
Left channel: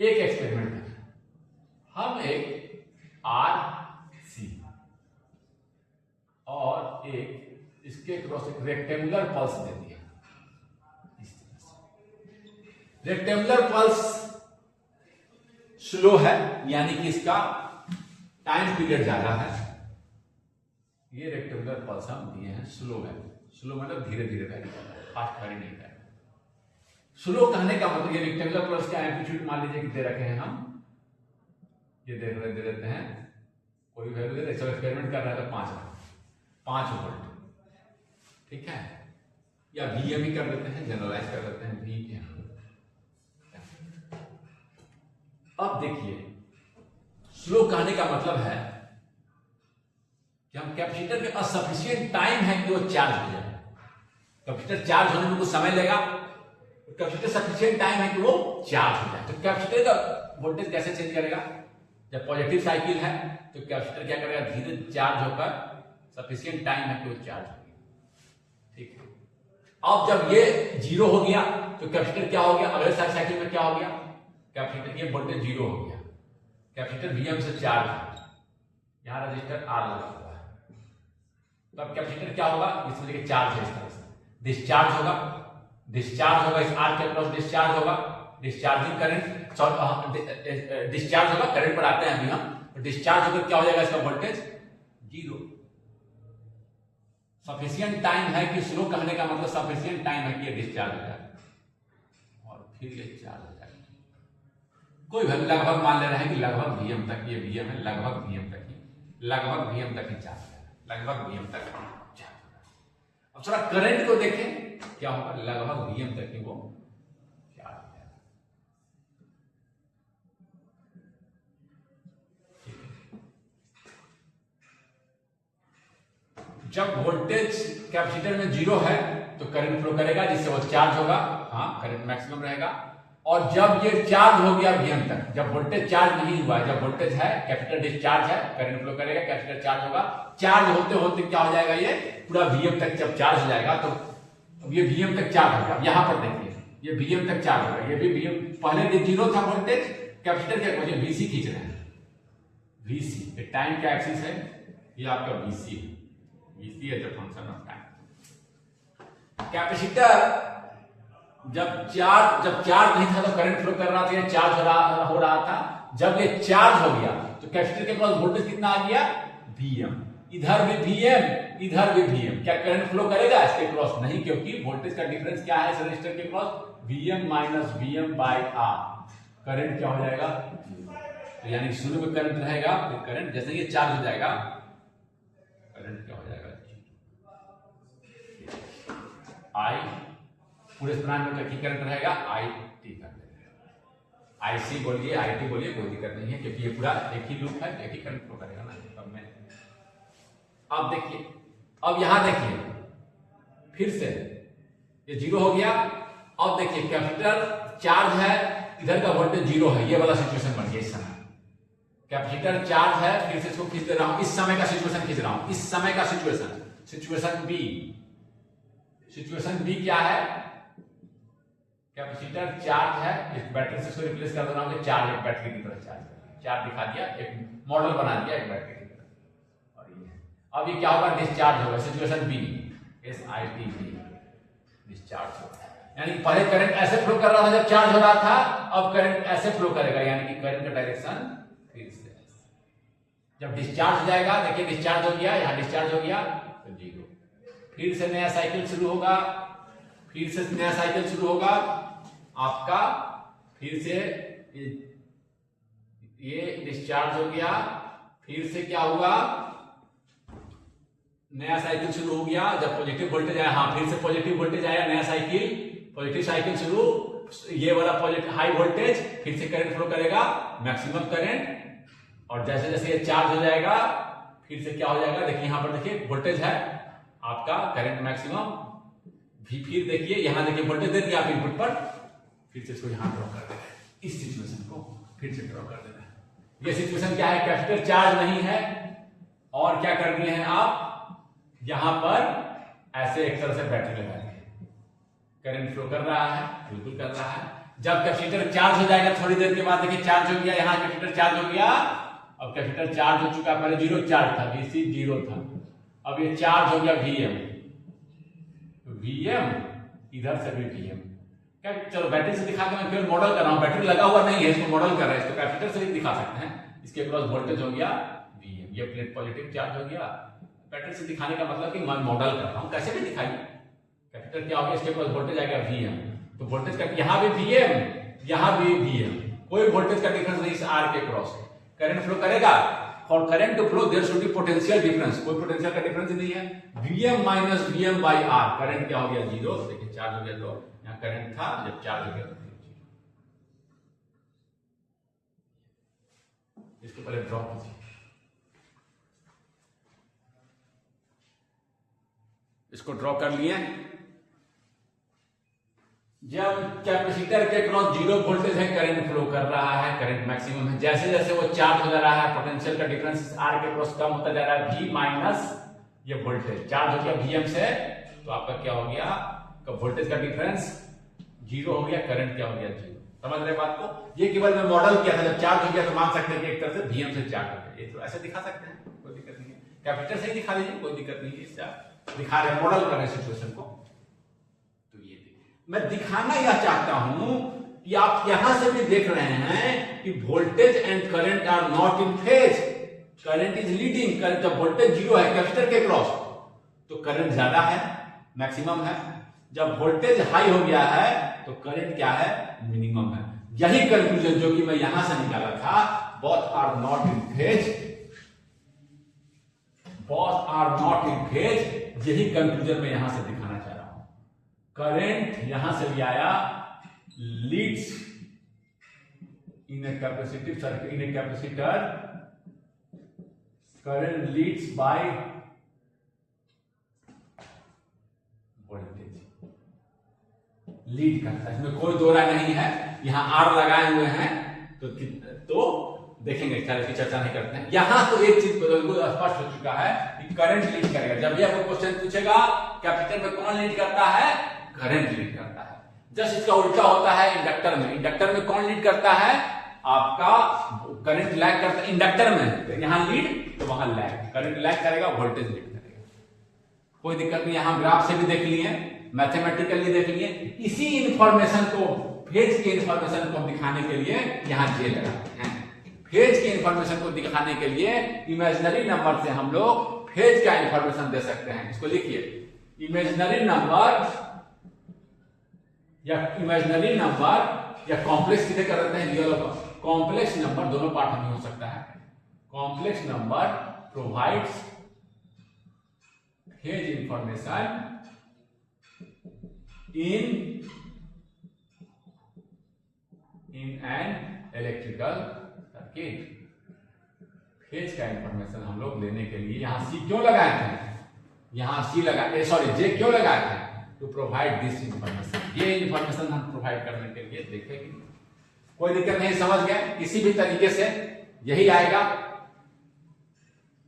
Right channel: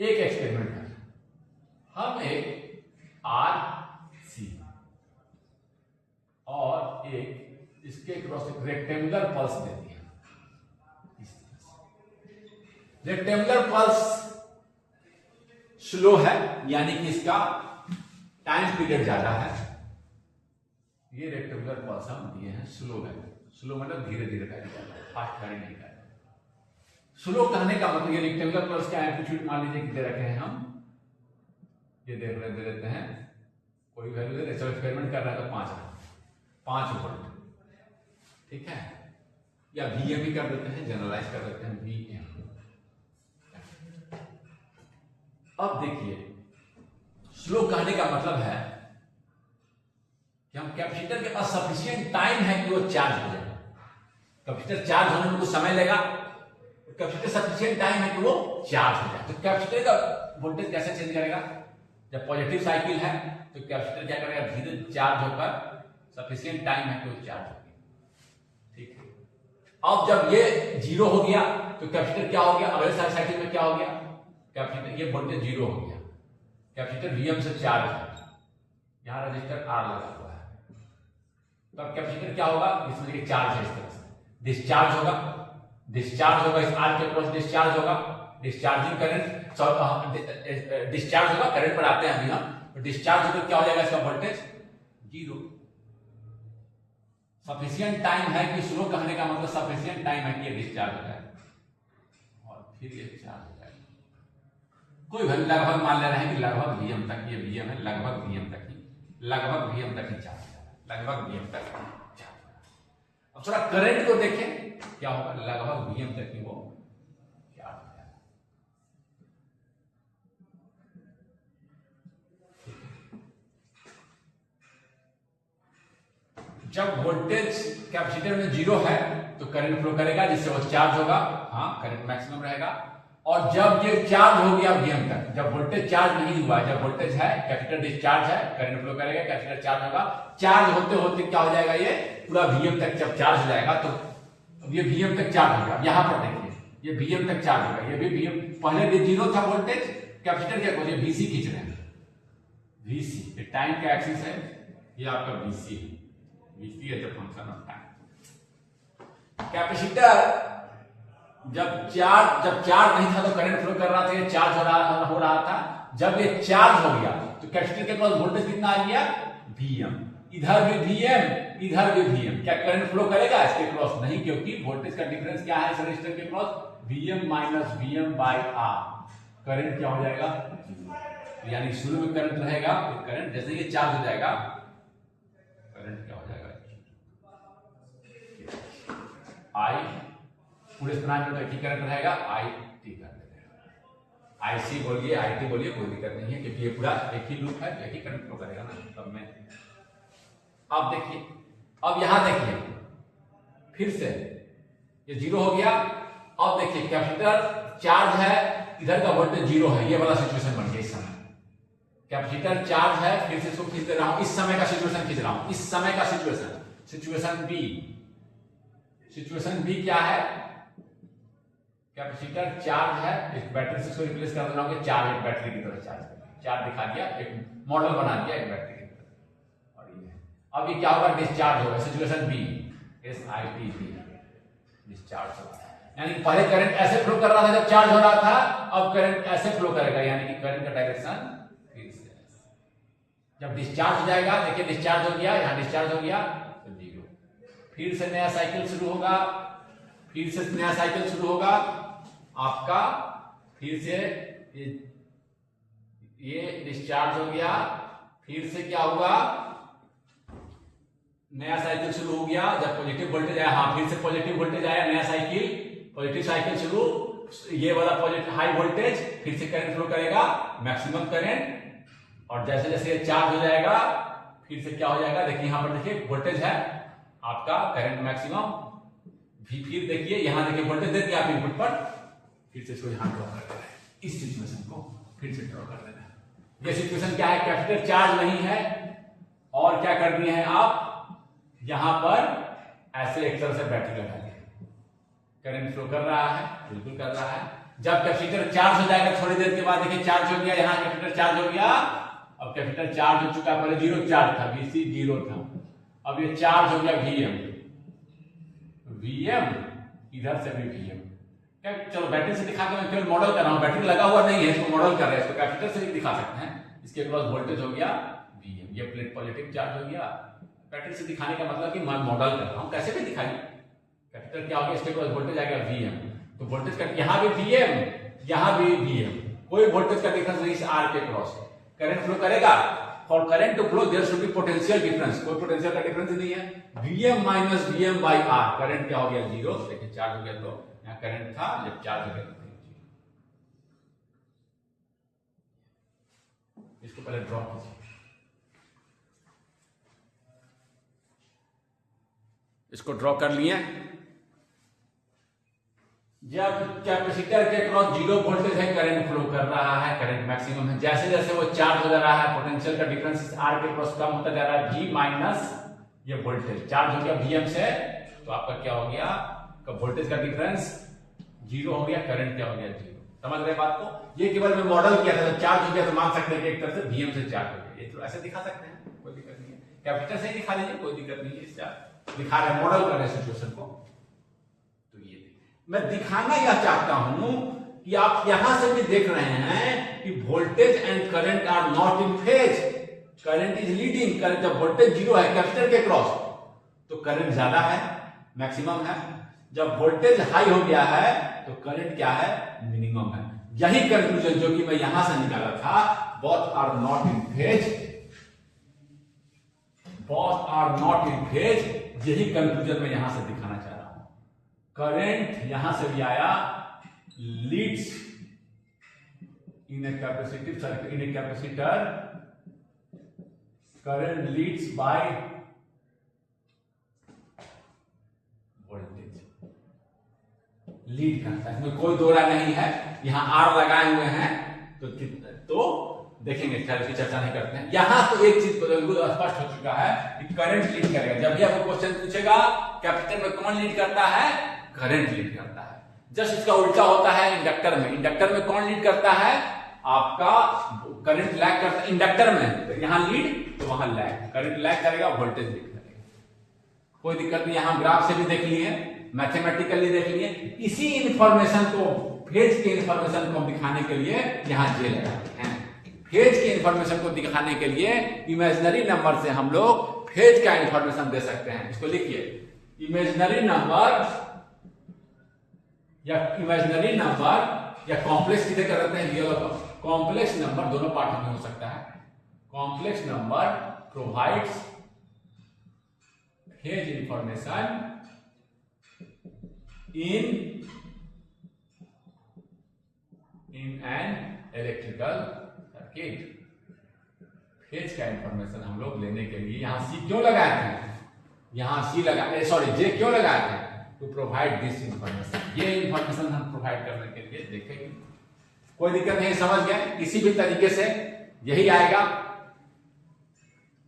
एक एक्सपेरिमेंट है, हम एक RC और एक इसके क्रॉस एक रेक्टेंगुलर पल्स दे दिया। रेक्टेंगुलर पल्स स्लो है, यानी कि इसका टाइम पीरियड ज्यादा है। ये रेक्टेंगुलर पल्स हम दिए हैं, स्लो है, स्लो मतलब धीरे धीरे वैरी कर रहा है, फास्ट वैरी नहीं कर रहा। स्लो कहने का मतलब, ये रेक्टेंगुलर पल्स का एम्पलीट्यूड मान लीजिए कि दे रखे हैं हम, ये दे देते हैं, कोई वैल्यू दे रहे, चलो एक्सपेरिमेंट कर रहा है तो 5 वोल्ट, ठीक है, या VM ही कर देते हैं, जनरलाइज कर देते हैं VM। अब देखिए, स्लो कहने का मतलब है कि हम कैपेसिटर में असफिशिएंट टाइम है कि वो चार्ज हो जाए। कैपेसिटर चार्ज होने में कुछ समय लेगा, कैपेसिटर सफिशिएंट टाइम है कि वो चार्ज हो जाए। तो कैपेसिटर का वोल्टेज कैसे चेंज करेगा, जब पॉजिटिव साइकिल है तो कैपेसिटर क्या करेगा, धीरे चार्ज होकर, सफिशिएंट टाइम है कि वो चार्ज होगी। ठीक है, अब जब ये जीरो हो गया तो कैपेसिटर क्या हो गया, अगले साइकिल में क्या हो गया, कैपेसिटर ये वोल्टेज जीरो हो गया, कैपेसिटर VM से चार्ज है, यहां रजिस्टर R लगा हुआ है, तो अब कैपेसिटर क्या होगा, इसमें चार्ज है, इस तरह से डिस्चार्ज होगा, डिस्चार्ज होगा, इस R के क्रॉस डिस्चार्ज होगा, डिस्चार्जिंग करंट, डिस्चार्ज होगा, करंट पर आते हैं अभी हम, तो डिस्चार्ज होकर क्या हो जाएगा, इसका वोल्टेज जीरो। सफिशिएंट टाइम है कि स्लो कहने का मतलब सफिशिएंट टाइम है कि ये डिस्चार्ज हो जाए और फिर ये चार्ज हो जाए। कोई भी लगभग मान ले रहे हैं कि लगभग Vm तक, ये Vm है, लगभग Vm तक ही, लगभग Vm तक ही चार्ज हो जाए, लगभग Vm तक चार्ज हो जाए। अब थोड़ा करंट को देखें क्या होगा, लगभग Vm तक ही वो चार्ज हो जाएगा। जब वोल्टेज कैपेसिटर में 0 है तो करंट फ्लो करेगा जिससे वो चार्ज होगा, हाँ करंट मैक्सिमम रहेगा। और जब ये चार्ज हो गया Vm तक, जब वोल्टेज चार्ज नहीं हुआ, जब वोल्टेज है कैपेसिटर डिस्चार्ज है, करंट फ्लो करेगा, कैपेसिटर चार्ज होगा, चार्ज होते होते क्या हो जाएगा, ये पूरा Vm तक जब चार्ज हो जाएगा तो ये Vm तक चार्ज होगा। यहां पर देखिए ये Vm तक चार्ज होगा, ये भी Vm, पहले भी 0 था वोल्टेज कैपेसिटर के, मुझे Vc खींच रहे हैं, Vc टाइम का एक्सिस है, ये आपका Vc है, Vc है the function of time. Capacitor जब चार्ज नहीं था तो करंट फ्लो कर रहा था, चार्ज हो रहा था। जब ये चार्ज हो गया तो कैपेसिटर के पास वोल्टेज कितना आ गया, Vm, इधर भी Vm, इधर भी Vm। क्या करंट फ्लो करेगा इसके क्रॉस? नहीं, क्योंकि वोल्टेज का डिफरेंस क्या है रेजिस्टर के cross, Vm minus Vm by R। Current क्या हो जाएगा, यानी शुरू में करंट रहेगा, फिर करंट जैसे ये चार्ज हो जाएगा करंट क्या हो जाएगा, I पूरे ब्रांच में करंट रहेगा, IT कर देगा, IC बोलिए, IT बोलिए, कोई दिक्कत नहीं है क्योंकि ये पूरा एक ही लूप है, एक ही करंट फ्लो करेगा ना तब में। अब देखिए, अब यहां देखिए फिर से ये 0 हो गया। अब देखिए कैपेसिटर चार्ज है, इधर का वोल्टेज 0 है, ये वाला सिचुएशन बन गया। इस समय कैपेसिटर चार्ज है, फिर से इसको खींच दे रहा हूं, इस समय का सिचुएशन खींच रहा हूं, इस समय का सिचुएशन बी। सिचुएशन बी क्या है, कैपेसिटर चार्ज है, इस बैटरी से इसको रिप्लेस कर देना होगा, चार्ज एक बैटरी की तरह चार्ज दिखा दिया, एक मॉडल बना दिया एक बैटरी की तरह। और ये अब ये क्या होगा, डिस्चार्ज होगा, सिचुएशन बी, SIT डिस्चार्ज होगा। यानी पहले करंट ऐसे फ्लो कर रहा था जब चार्ज हो रहा था, अब करंट ऐसे फ्लो करेगा, यानी कि करंट का डायरेक्शन फिर से जब डिस्चार्ज हो जाएगा, देखिए डिस्चार्ज हो गया, यहां डिस्चार्ज हो गया तो 0, फिर से नया साइकिल शुरू होगा, फिर से नया साइकिल शुरू होगा आपका, फिर से ये डिस्चार्ज हो गया, फिर से क्या हुआ, नया साइकिल शुरू हो गया। जब पॉजिटिव वोल्टेज आया, हाँ फिर से पॉजिटिव वोल्टेज आया, नया साइकिल, पॉजिटिव साइकिल शुरू, ये वाला पॉजिटिव हाई वोल्टेज, फिर से करंट फ्लो करेगा, मैक्सिमम करंट। और जैसे जैसे ये चार्ज हो जाएगा फिर से क्या हो जाएगा, देखिए यहां पर देखिए वोल्टेज है आपका करंट मैक्सिमम, फिर देखिए यहां देखिए वोल्टेज दे दिया आप इनपुट पर, फिर से इसको यहां ड्रॉ कर देना है, इस सिचुएशन को फिर से ड्रॉ कर देना है। ये सिचुएशन क्या है, कैपेसिटर चार्ज नहीं है, और क्या कर दिए हैं आप, यहां पर ऐसे एक तरह से बैटरी लगा दी, करंट फ्लो कर रहा है, बिल्कुल कर रहा है। जब कैपेसिटर चार्ज हो जाएगा थोड़ी देर के बाद, देखिए चार्ज हो गया, यहां कैपेसिटर चार्ज हो गया, अब कैपेसिटर चार्ज हो चुका, पहले 0 चार्ज था, Vc 0 था, अब ये चार्ज हो गया Vm, इधर से भी Vm। क्या चलो बैटरी से दिखा के मैं केवल मॉडल कर रहा हूं, बैटरी लगा हुआ नहीं है, इसको मॉडल कर रहे हैं, इसको कैपेसिटर से भी दिखा सकते हैं। इसके पास वोल्टेज हो गया Vm, ये प्लेट पॉजिटिव चार्ज हो गया। बैटरी से दिखाने का मतलब कि मैं मॉडल कर रहा हूं, कैसे भी दिखाइए, कैपेसिटर क्या हो गया, इसके पास वोल्टेज आ गया Vm, तो वोल्टेज का यहां भी Vm, यहां भी Vm, कोई वोल्टेज का डिफरेंस नहीं इस R के क्रॉस है, करंट फ्लो करेगा। For current to flow there should be potential difference, कोई पोटेंशियल का डिफरेंस नहीं है, Vm minus Vm by R, current क्या हो गया 0, देखिए चार्ज हो गया, तो यहां करंट था, जब चार्ज हो गया तो इसको पहले ड्रॉ कीजिए, इसको ड्रॉ कर लिए। जब कैपेसिटर के क्रॉस 0 वोल्टेज है, करंट फ्लो कर रहा है, करंट मैक्सिमम है, जैसे जैसे वो चार्ज हो जा रहा है, पोटेंशियल का डिफरेंस R के क्रॉस कम होता जा रहा है, G माइनस ये वोल्टेज चार्ज हो गया Vm से, तो आपका क्या हो गया, वोल्टेज का डिफरेंस 0 हो गया, करंट क्या हो गया 0। समझ रहे बात को, ये केवल मैं मॉडल किया था, जब चार्ज हो गया तो मान सकते हैं कि एक तरह से Vm से चार्ज हो गया, ये तो ऐसे दिखा सकते हैं, कोई दिक्कत नहीं है, कैपेसिटर से ही दिखा दीजिए, कोई दिक्कत नहीं है, इससे दिखा रहे मॉडल कर रहे सिचुएशन को। तो ये मैं दिखाना यह चाहता हूं कि आप यहां से भी देख रहे हैं कि voltage and current are not in phase, current is leading, जब वोल्टेज 0 है कैपेसिटर के क्रॉस, तो करंट ज्यादा है, मैक्सिमम है। जब वोल्टेज हाई हो गया है तो करंट क्या है, मिनिमम है। यही कंक्लूजन जो कि मैं यहां से निकाला था, both are not in phase, both are not in phase, यही कंक्लूजन मैं यहां से दिखाना चाह रहा हूं। करंट यहां से भी आया, leads in A capacitive circuit, in a capacitor, current leads by voltage, lead करता है, इसमें कोई दो राय नहीं है। यहां आर लगाए हुए हैं तो देखेंगे, खैर की चर्चा नहीं करते हैं। यहां तो एक चीज बिल्कुल स्पष्ट हो चुका है कि करंट लीड करेगा। जब भी आपको क्वेश्चन पूछेगा कैपेसिटर में कौन लीड करता है, करंट लीड करता है। जस्ट इसका उल्टा होता है इंडक्टर में। इंडक्टर में कौन लीड करता है, आपका करंट लैग करता है इंडक्टर में, यहां लीड तो वहां लैग, करंट लैग करेगा, वोल्टेज लीड करेगा। कोई दिक्कत नहीं, यहां ग्राफ से भी देख लिए, मैथमेटिकली देख लिए। इसी इंफॉर्मेशन को, फेज के इंफॉर्मेशन को दिखाने के लिए यहां जे लगाते हैं। फेज के इंफॉर्मेशन को दिखाने के लिए इमेजिनरी नंबर से हम लोग फेज का इंफॉर्मेशन दे सकते हैं। इसको लिखिए, इमेजिनरी नंबर या कॉम्प्लेक्स किसे कर देते हैं, रियल और कॉम्प्लेक्स नंबर दोनों पार्ट में हो सकता है। Complex number provides phase information in an electrical circuit। Phase का इंफॉर्मेशन हम लोग लेने के लिए यहां सी क्यों लगाए थे, यहां सी लगाए, सॉरी जे क्यों लगाए थे, टू प्रोवाइड दिस इंफॉर्मेशन। ये इंफॉर्मेशन हम प्रोवाइड करने के लिए देखेंगे। कोई दिक्कत नहीं, समझ गए। किसी भी तरीके से यही आएगा।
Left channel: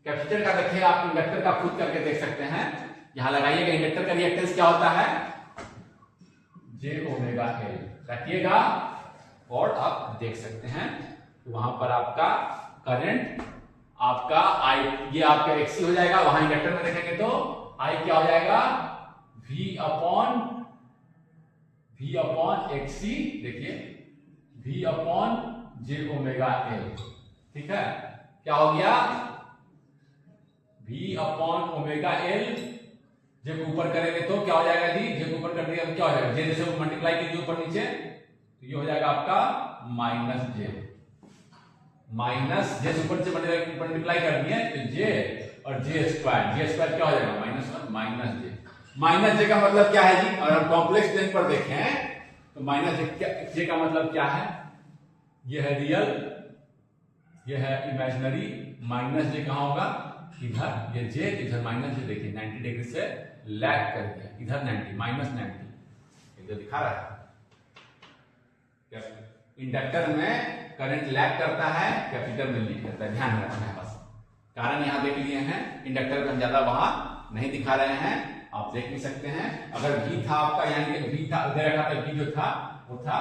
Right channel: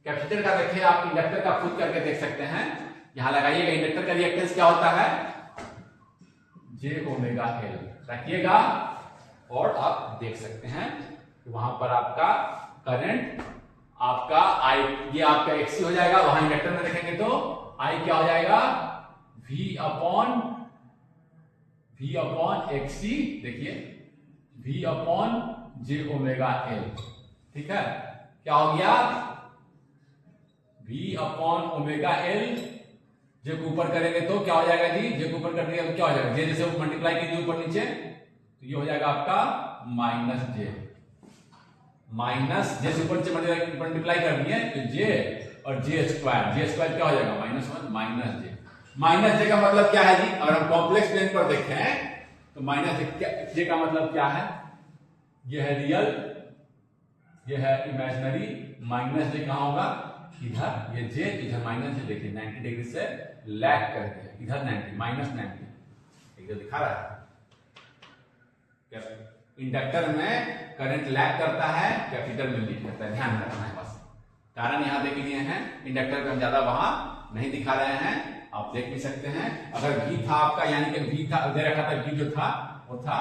कैपेसिटर का देखिए आप, इंडक्टर का खुद करके देख सकते हैं। यहां लगाइएगा, इंडक्टर का रिएक्टेंस क्या होता है, जे ओमेगा एल रखिएगा और आप देख सकते हैं कि वहां पर आपका करंट, आपका आई, ये आपका एक्सी हो जाएगा। वहां इंडक्टर में देखेंगे तो आई क्या हो जाएगा, वी अपॉन एक्सी, देखिए V upon j omega L. ठीक है, क्या हो गया, V upon omega L. J को ऊपर करेंगे तो क्या हो जाएगा जी, जे को ऊपर कर दिया तो क्या हो जाएगा, जे जैसे मल्टीप्लाई कीजिए ऊपर नीचे तो ये हो जाएगा आपका माइनस जे, माइनस जे से ऊपर नीचे मल्टीप्लाई कर दिए तो जे और जे स्क्वायर क्या हो जाएगा, -1 माइनस जे। माइनस जे का मतलब क्या है जी, अगर हम कॉम्प्लेक्स प्लेन पर देखें तो माइनस जे का मतलब क्या है, ये है रियल, ये है इमेजिनरी। माइनस जे कहां होगा, इधर, ये जे इधर माइनस जे, देखिए 90 डिग्री से लैग कर दिया, इधर 90 -90 इधर दिखा रहा है। इंडक्टर में करंट लैग करता है, कैपेसिटर में लीड करता है, ध्यान रखना है बस। कारण यहां देख लिए हैं, इंडक्टर में हम ज्यादा वहां नहीं दिखा रहे हैं, आप देख भी सकते हैं। अगर V था आपका, यानी कि V था, दे रखा था V जो था वो था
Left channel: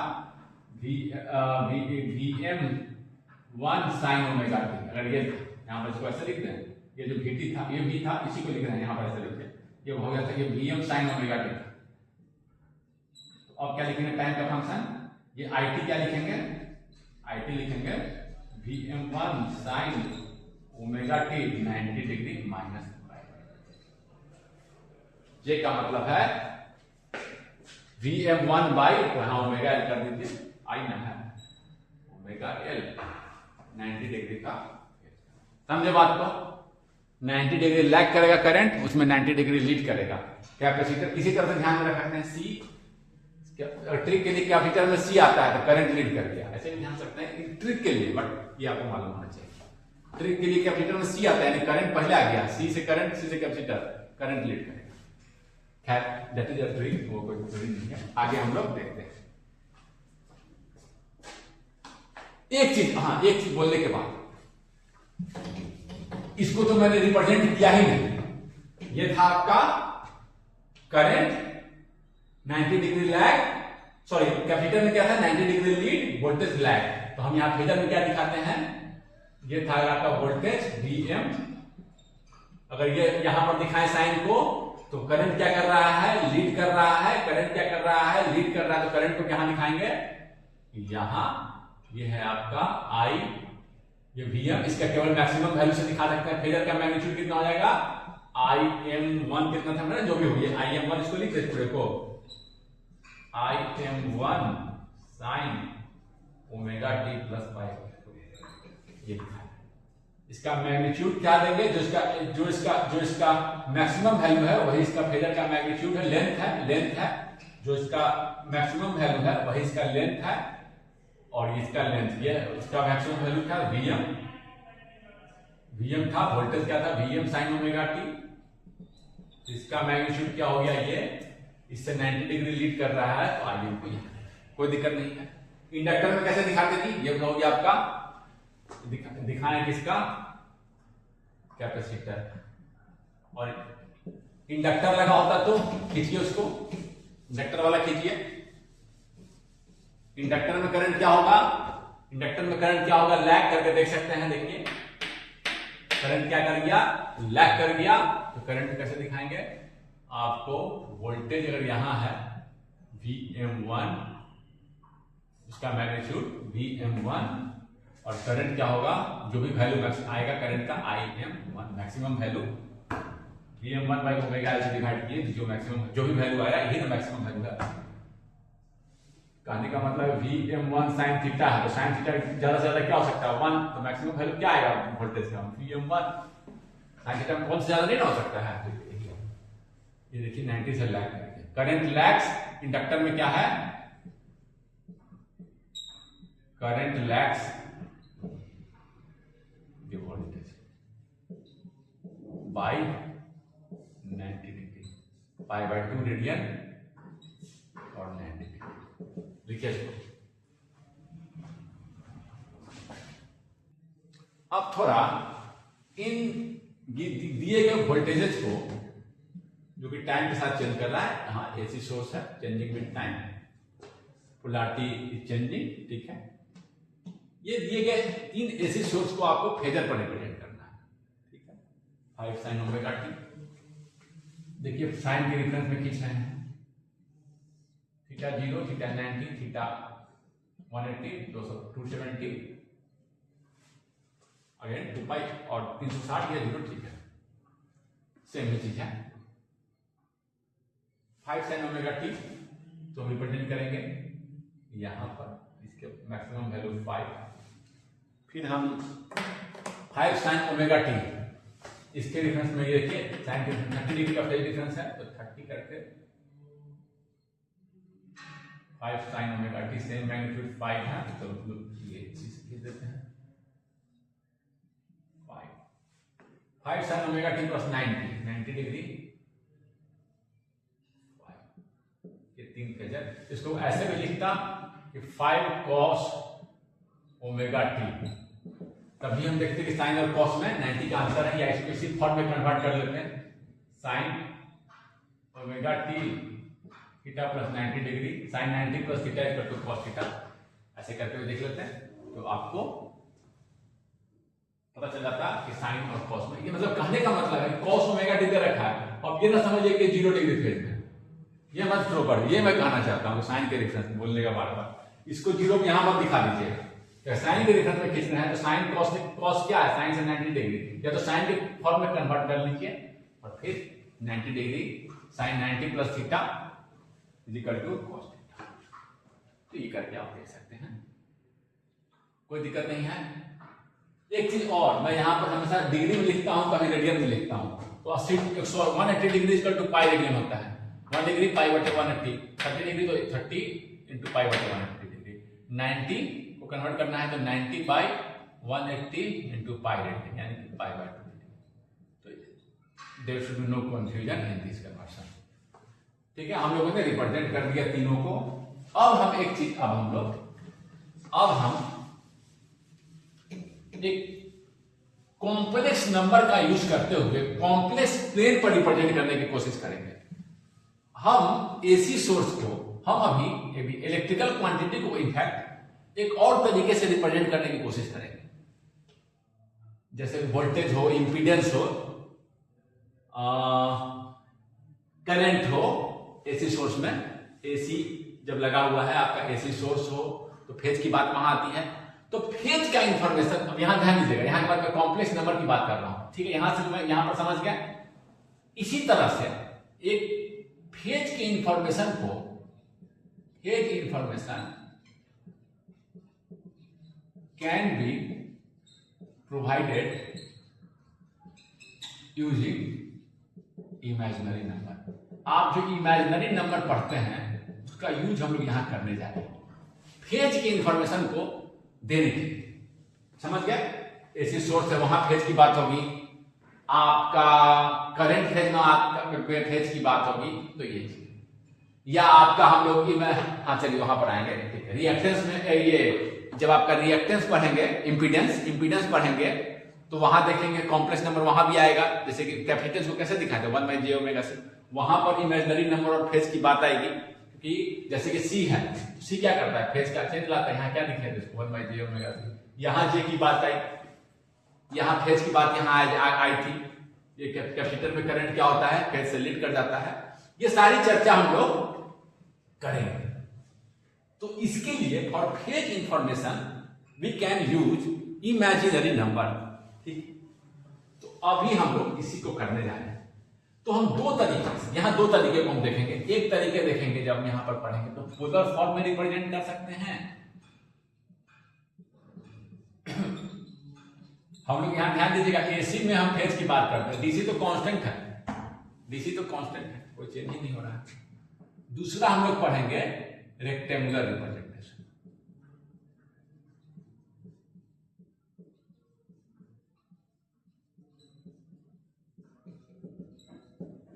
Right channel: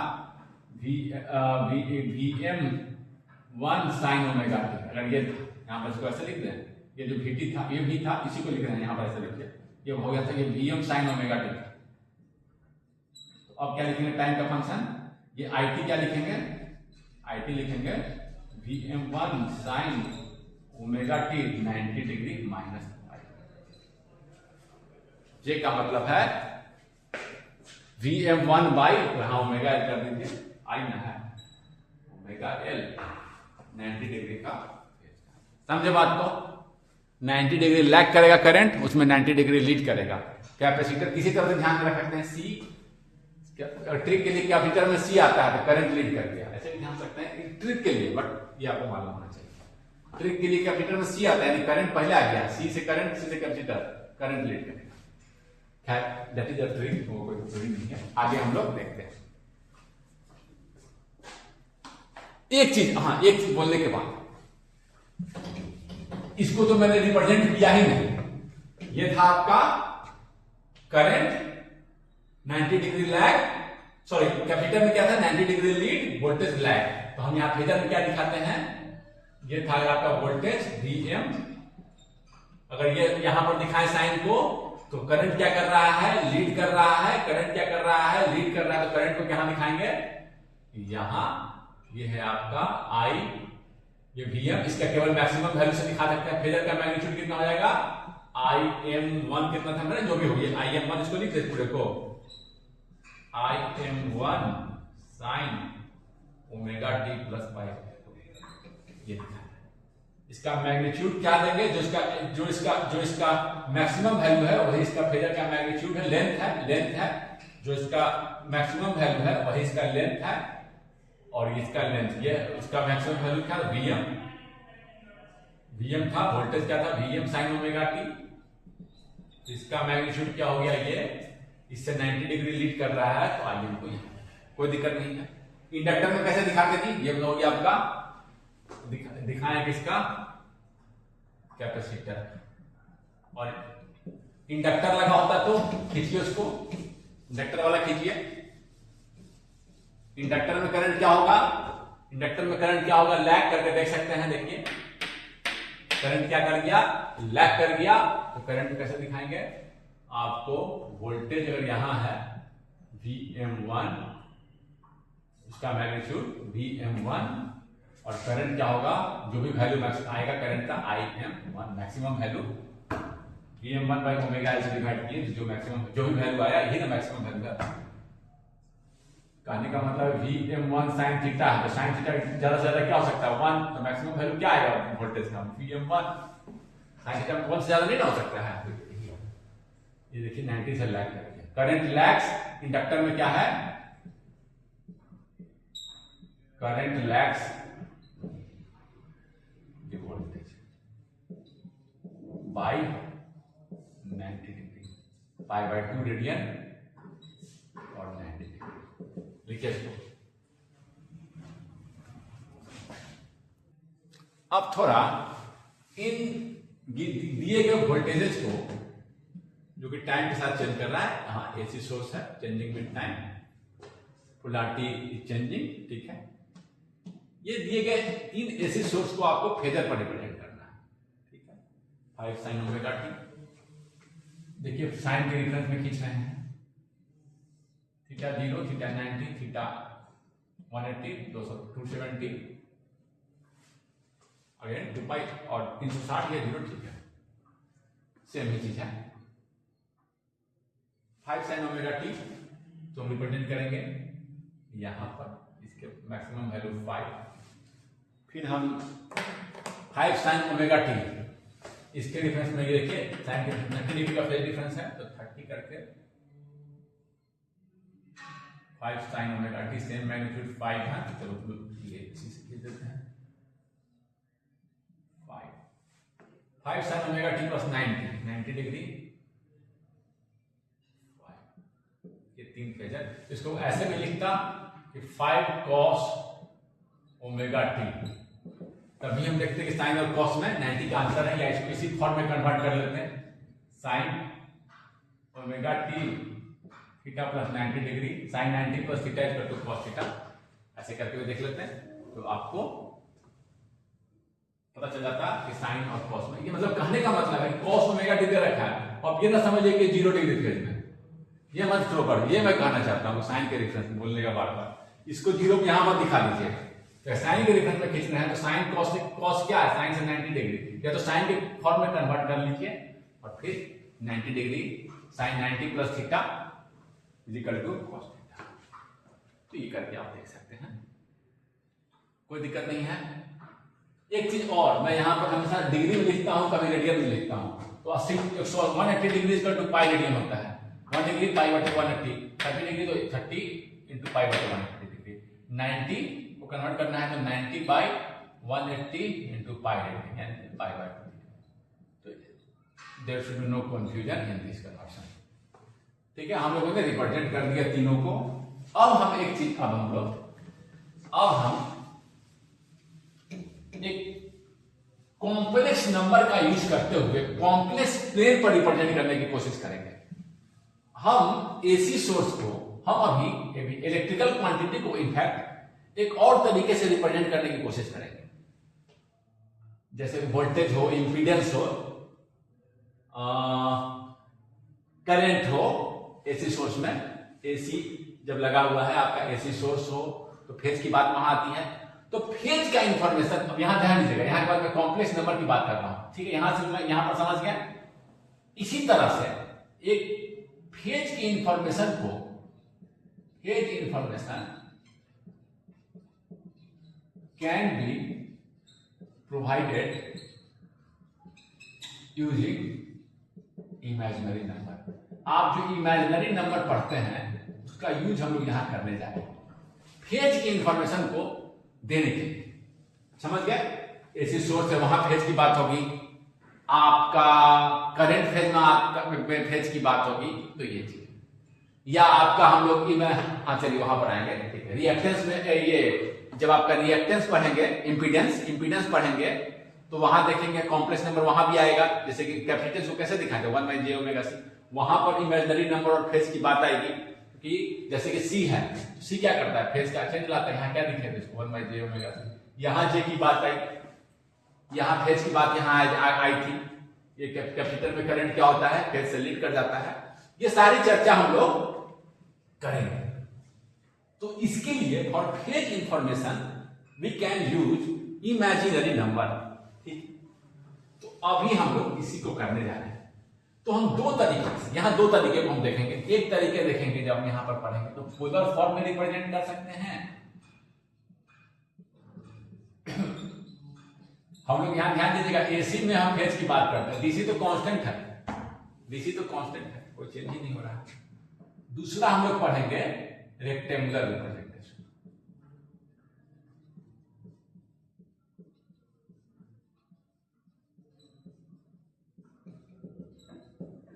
Vm1 sin ओमेगा t। अगर ये यहां पर इसको ऐसे लिख दें, ये जो Vt था ये भी था, इसी को लिख रहे हैं यहां पर ऐसे लिखिए, ये हो गया था ये Vm sin ओमेगा t। तो अब क्या लिखेंगे, टाइम का फंक्शन, ये It क्या लिखेंगे, It लिखेंगे Vm1 sin omega t 90 degree minus. J का मतलब है Vm1 बाई, वहां ओमेगा एल कर दीजिए, आई ना है ओमेगा एल 90 डिग्री का। समझे बात को, 90 डिग्री लैग करेगा करंट, उसमें 90 डिग्री लीड करेगा कैपेसिटर। इसी तरह से ध्यान में रख सकते हैं सी, ट्रिक के लिए कैपेसिटर में सी आता है तो करंट लीड कर दिया, ऐसे भी ध्यान सकते हैं ट्रिक के लिए, बट ये आपको मालूम होना चाहिए। ट्रिक के लिए कैपेसिटर में सी आता है, यानी करंट पहले आ गया, सी से करंट, सी से कैपेसिटर, करंट लीड करेगा। खैर दैट इज अ ट्रिक, वो कोई उपयोगी नहीं है। आगे हम लोग देखते हैं। एक चीज बोलने के बाद, इसको तो मैंने रिप्रेजेंट किया ही नहीं। ये था आपका current 90 degree lag, sorry capacitor में क्या था, 90 डिग्री लीड, वोल्टेज लैग। तो हम यहां फेजर में क्या दिखाते हैं, ये था आपका वोल्टेज Vm। अगर ये यहां पर दिखाएं साइन को, तो करंट क्या कर रहा है, लीड कर रहा है, करंट क्या कर रहा है, लीड कर रहा है। तो करंट को कहां दिखाएंगे, यहां, ये है आपका I, ये Vm, इसका केवल मैक्सिमम वैल्यू से दिखा सकते हैं। फेजर का मैग्नीट्यूड कितना हो जाएगा, IM1 कितना था मेरा, जो भी हो गया IM1, इसको लिख देते पूरे को, IM1 sign omega T plus pi, ये था। इसका मैग्नीट्यूड क्या लेंगे, जो इसका मैक्सिमम वैल्यू है वही इसका फेजर का मैग्नीट्यूड है, लेंथ है, जो इसका मैक्सिमम वैल्यू है वही इसका लेंथ है, और इसका लेंथ, ये इसका मैक्सिमम वैल्यू क्या था, Vm था, वोल्टेज क्या था, Vm साइन ओमेगा टी, इसका मैग्नीट्यूड क्या हो गया, ये इससे 90 डिग्री लीड कर रहा है, तो Im कोई दिक्कत नहीं है। इंडक्टर में कैसे दिखाते थी, ये हो गया आपका, दिखाएं किसका, कैपेसिटर, और इंडक्टर लगा होता तो खींचिए उसको, इंडक्टर वाला खींचिए। इंडक्टर में करंट क्या होगा, लैग करके देख सकते हैं, देखिए करंट क्या कर गया, लैग कर गया, तो करंट कैसे दिखाएंगे आपको, वोल्टेज अगर यहां है Vm1, इसका मैग्नीट्यूड Vm1, और करंट क्या होगा, जो भी वैल्यू आएगा करंट का Im1, maximum value Vm1 by omega L से डिवाइड किए, जो मैक्सिमम जो भी वैल्यू आया यही ना मैक्सिमम वैल्यू है। कहने का मतलब Vm1 साइन थीटा है, तो साइन थीटा ज्यादा से ज्यादा क्या हो सकता है, 1, तो मैक्सिमम वैल्यू क्या आएगा वोल्टेज का, Vm1 साइन थीटा 1 से ज्यादा नहीं ना हो सकता है। ये देखिए 90 से लैग करके करंट लैग्स, इंडक्टर में क्या है, current lags voltage by 90 degree, pi by 2 radian और 90 डिग्री, लिखिए इसको। अब थोड़ा इन दिए गए वोल्टेजेस को, जो कि टाइम के साथ चेंज कर रहा है, हाँ एसी सोर्स है, changing with time, polarity is changing, ठीक है। ये दिए गए 3 एसी सोर्स को आपको फेजर पर रिप्रेजेंट करना है, ठीक है। 5 साइन ओमेगा टी, देखिए साइन के रेफरेंस में खींच रहे हैं, थीटा 0, थीटा 90, थीटा 180, 270 अगेन 2 पाई और 360 या 0, ठीक है, सेम ही चीज है। 5 साइन ओमेगा टी तो हम रिप्रेजेंट करेंगे यहां पर, इसके मैक्सिमम वैल्यू 5, फिर हम 5 साइन ओमेगा टी, इसके डिफरेंस में ये देखिए साइन के 30 डिग्री का फेज डिफरेंस है, तो 30 करके 5 sign omega T, same magnitude 5 है, तो चलो ये इसी से लिख देते हैं, 5 sign omega T plus 90 degree, ये 3 फेजर, इसको ऐसे भी लिखता कि 5 कॉस ओमेगा टी, तभी हम देखते हैं कि साइन और कॉस में 90 का अंतर है, या इसको इसी फॉर्म में कन्वर्ट कर लेते हैं, sine omega t theta plus 90 degree, sine 90 plus theta equal to cos theta, ऐसे करके देख लेते हैं, तो आपको पता चल जाता कि साइन और कॉस में, ये मतलब कहने का मतलब है कॉस ओमेगा टी दे रखा है, और ये ना समझिए कि 0 डिग्री फेज में, ये मत थ्रो कर, ये मैं कहना चाहता हूँ साइन के रेफरेंस में बोलने का बार-बार, इसको 0 यहां पर दिखा दीजिएगा, तो साइन के रेफरेंस में खींचना है, तो साइन कॉस क्या है, साइन से 90 डिग्री, या तो साइन के फॉर्म में कन्वर्ट कर लीजिए, और फिर 90 degree sine 90 plus theta is equal to cos theta, तो ये करके आप देख सकते हैं, कोई दिक्कत नहीं है। एक चीज और, मैं यहां पर हमेशा डिग्री में लिखता हूं, कभी रेडियन में लिखता हूं, तो 180 degree equal to pi radian होता है, 1 डिग्री पाई बटे 180, 30 डिग्री तो 30 इंटू पाई बटे 180 डिग्री, 90 को कन्वर्ट करना है तो 90 बाई 180 इंटू पाई रेडियन, यानी कि पाई बाय 2, तो there should be no confusion in this conversion, ठीक है। हम लोगों ने रिप्रेजेंट कर दिया तीनों को। अब हम एक चीज, अब हम एक कॉम्प्लेक्स नंबर का यूज करते हुए कॉम्प्लेक्स प्लेन पर रिप्रेजेंट करने की कोशिश करेंगे। हम एसी सोर्स को, हम अभी इलेक्ट्रिकल क्वांटिटी को इनफैक्ट एक और तरीके से रिप्रेजेंट करने की कोशिश करेंगे, जैसे वोल्टेज हो, इंपीडेंस हो, करंट हो, एसी सोर्स में, एसी जब लगा हुआ है आपका एसी सोर्स हो तो फेज की बात वहां आती है, तो फेज का इंफॉर्मेशन, अब यहां ध्यान दीजिएगा, यहां के बाद मैं कॉम्प्लेक्स नंबर की बात कर रहा हूं, ठीक है, यहां से मैं यहां पर समझ गया, इसी तरह से एक फेज की इंफॉर्मेशन को, phase information can be provided using imaginary number. आप जो इमेजिनरी नंबर पढ़ते हैं उसका यूज हम लोग यहां करने जा रहे हैं फेज की इंफॉर्मेशन को देने के लिए। समझ गए? ऐसी सोर्स है, वहां फेज की बात होगी, आपका करंट फेज में आपका फेज की बात होगी, तो ये चीज, या आपका हम लोग हाँ चलिए वहां पर आएंगे। ठीक है, रिएक्टेंस में ये जब आपका रिएक्टेंस पढ़ेंगे, इंपीडेंस पढ़ेंगे, तो वहां देखेंगे कॉम्प्लेक्स नंबर वहां भी आएगा। जैसे कि कैपेसिटेंस को कैसे दिखाते हैं 1/j ओमेगा c, वहां पर इमेजिनरी नंबर और फेज की बात आएगी कि जैसे कि c है, c क्या करता है, फेज का चेंज लाता है। यहाँ क्या दिखाते हैं इसको 1/j ओमेगा c। यहाँ j की बात आई, यहाँ फेज की बात यहाँ आई थी। ये कैपेसिटर में करंट क्या होता है, फेज से लीड कर जाता है। ये सारी चर्चा हम लोग करेंगे। तो इसके लिए for phase information we can use imaginary number. ठीक, तो अभी हम लोग इसी को करने जा रहे हैं। तो हम दो तरीके से, यहाँ दो तरीके को हम देखेंगे। एक तरीके देखेंगे जब यहाँ पर पढ़ेंगे तो पोलर फॉर्म में रिप्रेजेंट कर सकते हैं। हम लोग यहाँ ध्यान दीजिएगा, एसी में हम फेज की बात करते हैं, डीसी तो कांस्टेंट है, डीसी तो कांस्टेंट है, कोई चेंज ही नहीं हो रहा। दूसरा हम लोग पढ़ेंगे रेक्टेंगुलर रिप्रेजेंटेशन।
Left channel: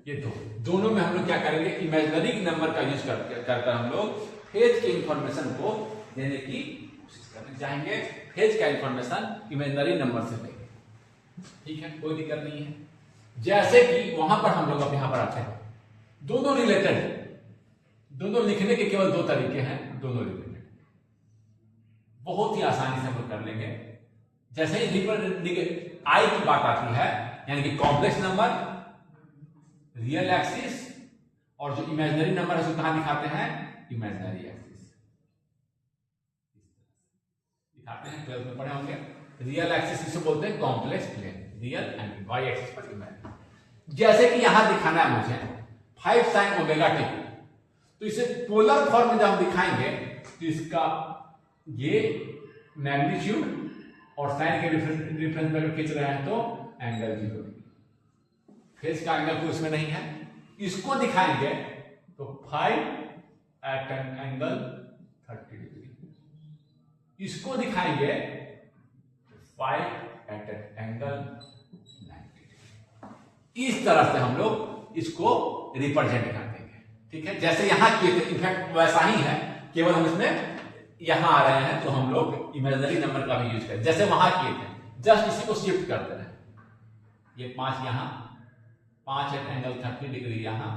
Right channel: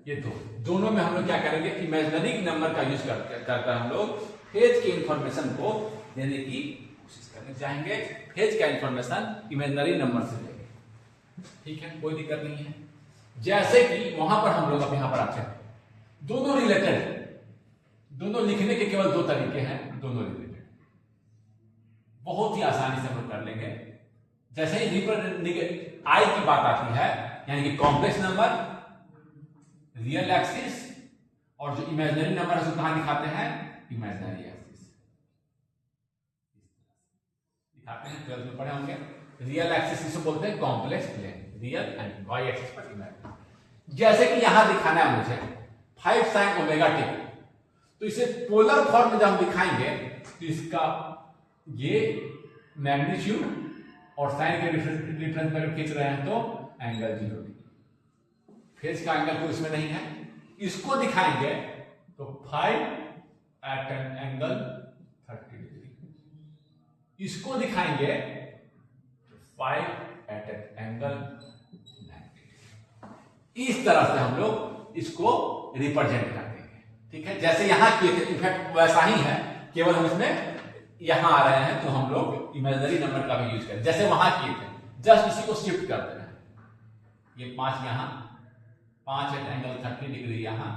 ये दोनों में हम लोग क्या करेंगे, इमेजिनरी नंबर का यूज करकर हम लोग फेज के इंफॉर्मेशन को देने की कोशिश करने जाएंगे। फेज का इंफॉर्मेशन इमेजिनरी नंबर से लेंगे। ठीक है, कोई दिक्कत नहीं है। जैसे कि वहां पर हम लोग अब यहां पर आते हैं, दोनों रिलेटेड है, दोनों लिखने के केवल दो तरीके हैं, दोनों रिलेटेड, बहुत ही आसानी से हम लोग कर लेंगे। जैसे ही आई की बात आती है, यानी कि कॉम्प्लेक्स नंबर, रियल एक्सिस, और जो इमेजिनरी नंबर है उसको कहां दिखाते हैं, इमेजिनरी एक्सिस दिखाते हैं। 12th में पढ़े होंगे। रियल एक्सिस किसको बोलते हैं, complex plane, real and Y axis पर इमेजिनरी। जैसे कि यहां दिखाना है मुझे 5 sin ओमेगा टी, तो इसे पोलर फॉर्म में जब हम दिखाएंगे तो इसका ये मैग्नीट्यूड और साइन के रेफरेंस में खींच रहे हैं तो एंगल 0 डिग्री, फेज का एंगल कोई उसमें नहीं है। इसको दिखाएंगे तो 5 at an angle 30 डिग्री, इसको दिखाएंगे 5 at an angle 90 डिग्री। इस तरह से हम लोग इसको रिप्रेजेंट कर देंगे। ठीक है, जैसे यहां किए थे, इनफैक्ट वैसा ही है, केवल हम इसमें यहां आ रहे हैं तो हम लोग इमेजिनरी नंबर का भी यूज करें, जैसे वहां किए थे। जस्ट इसी को शिफ्ट कर दे रहे हैं, ये 5 यहां, 5 at एंगल 30 डिग्री यहां,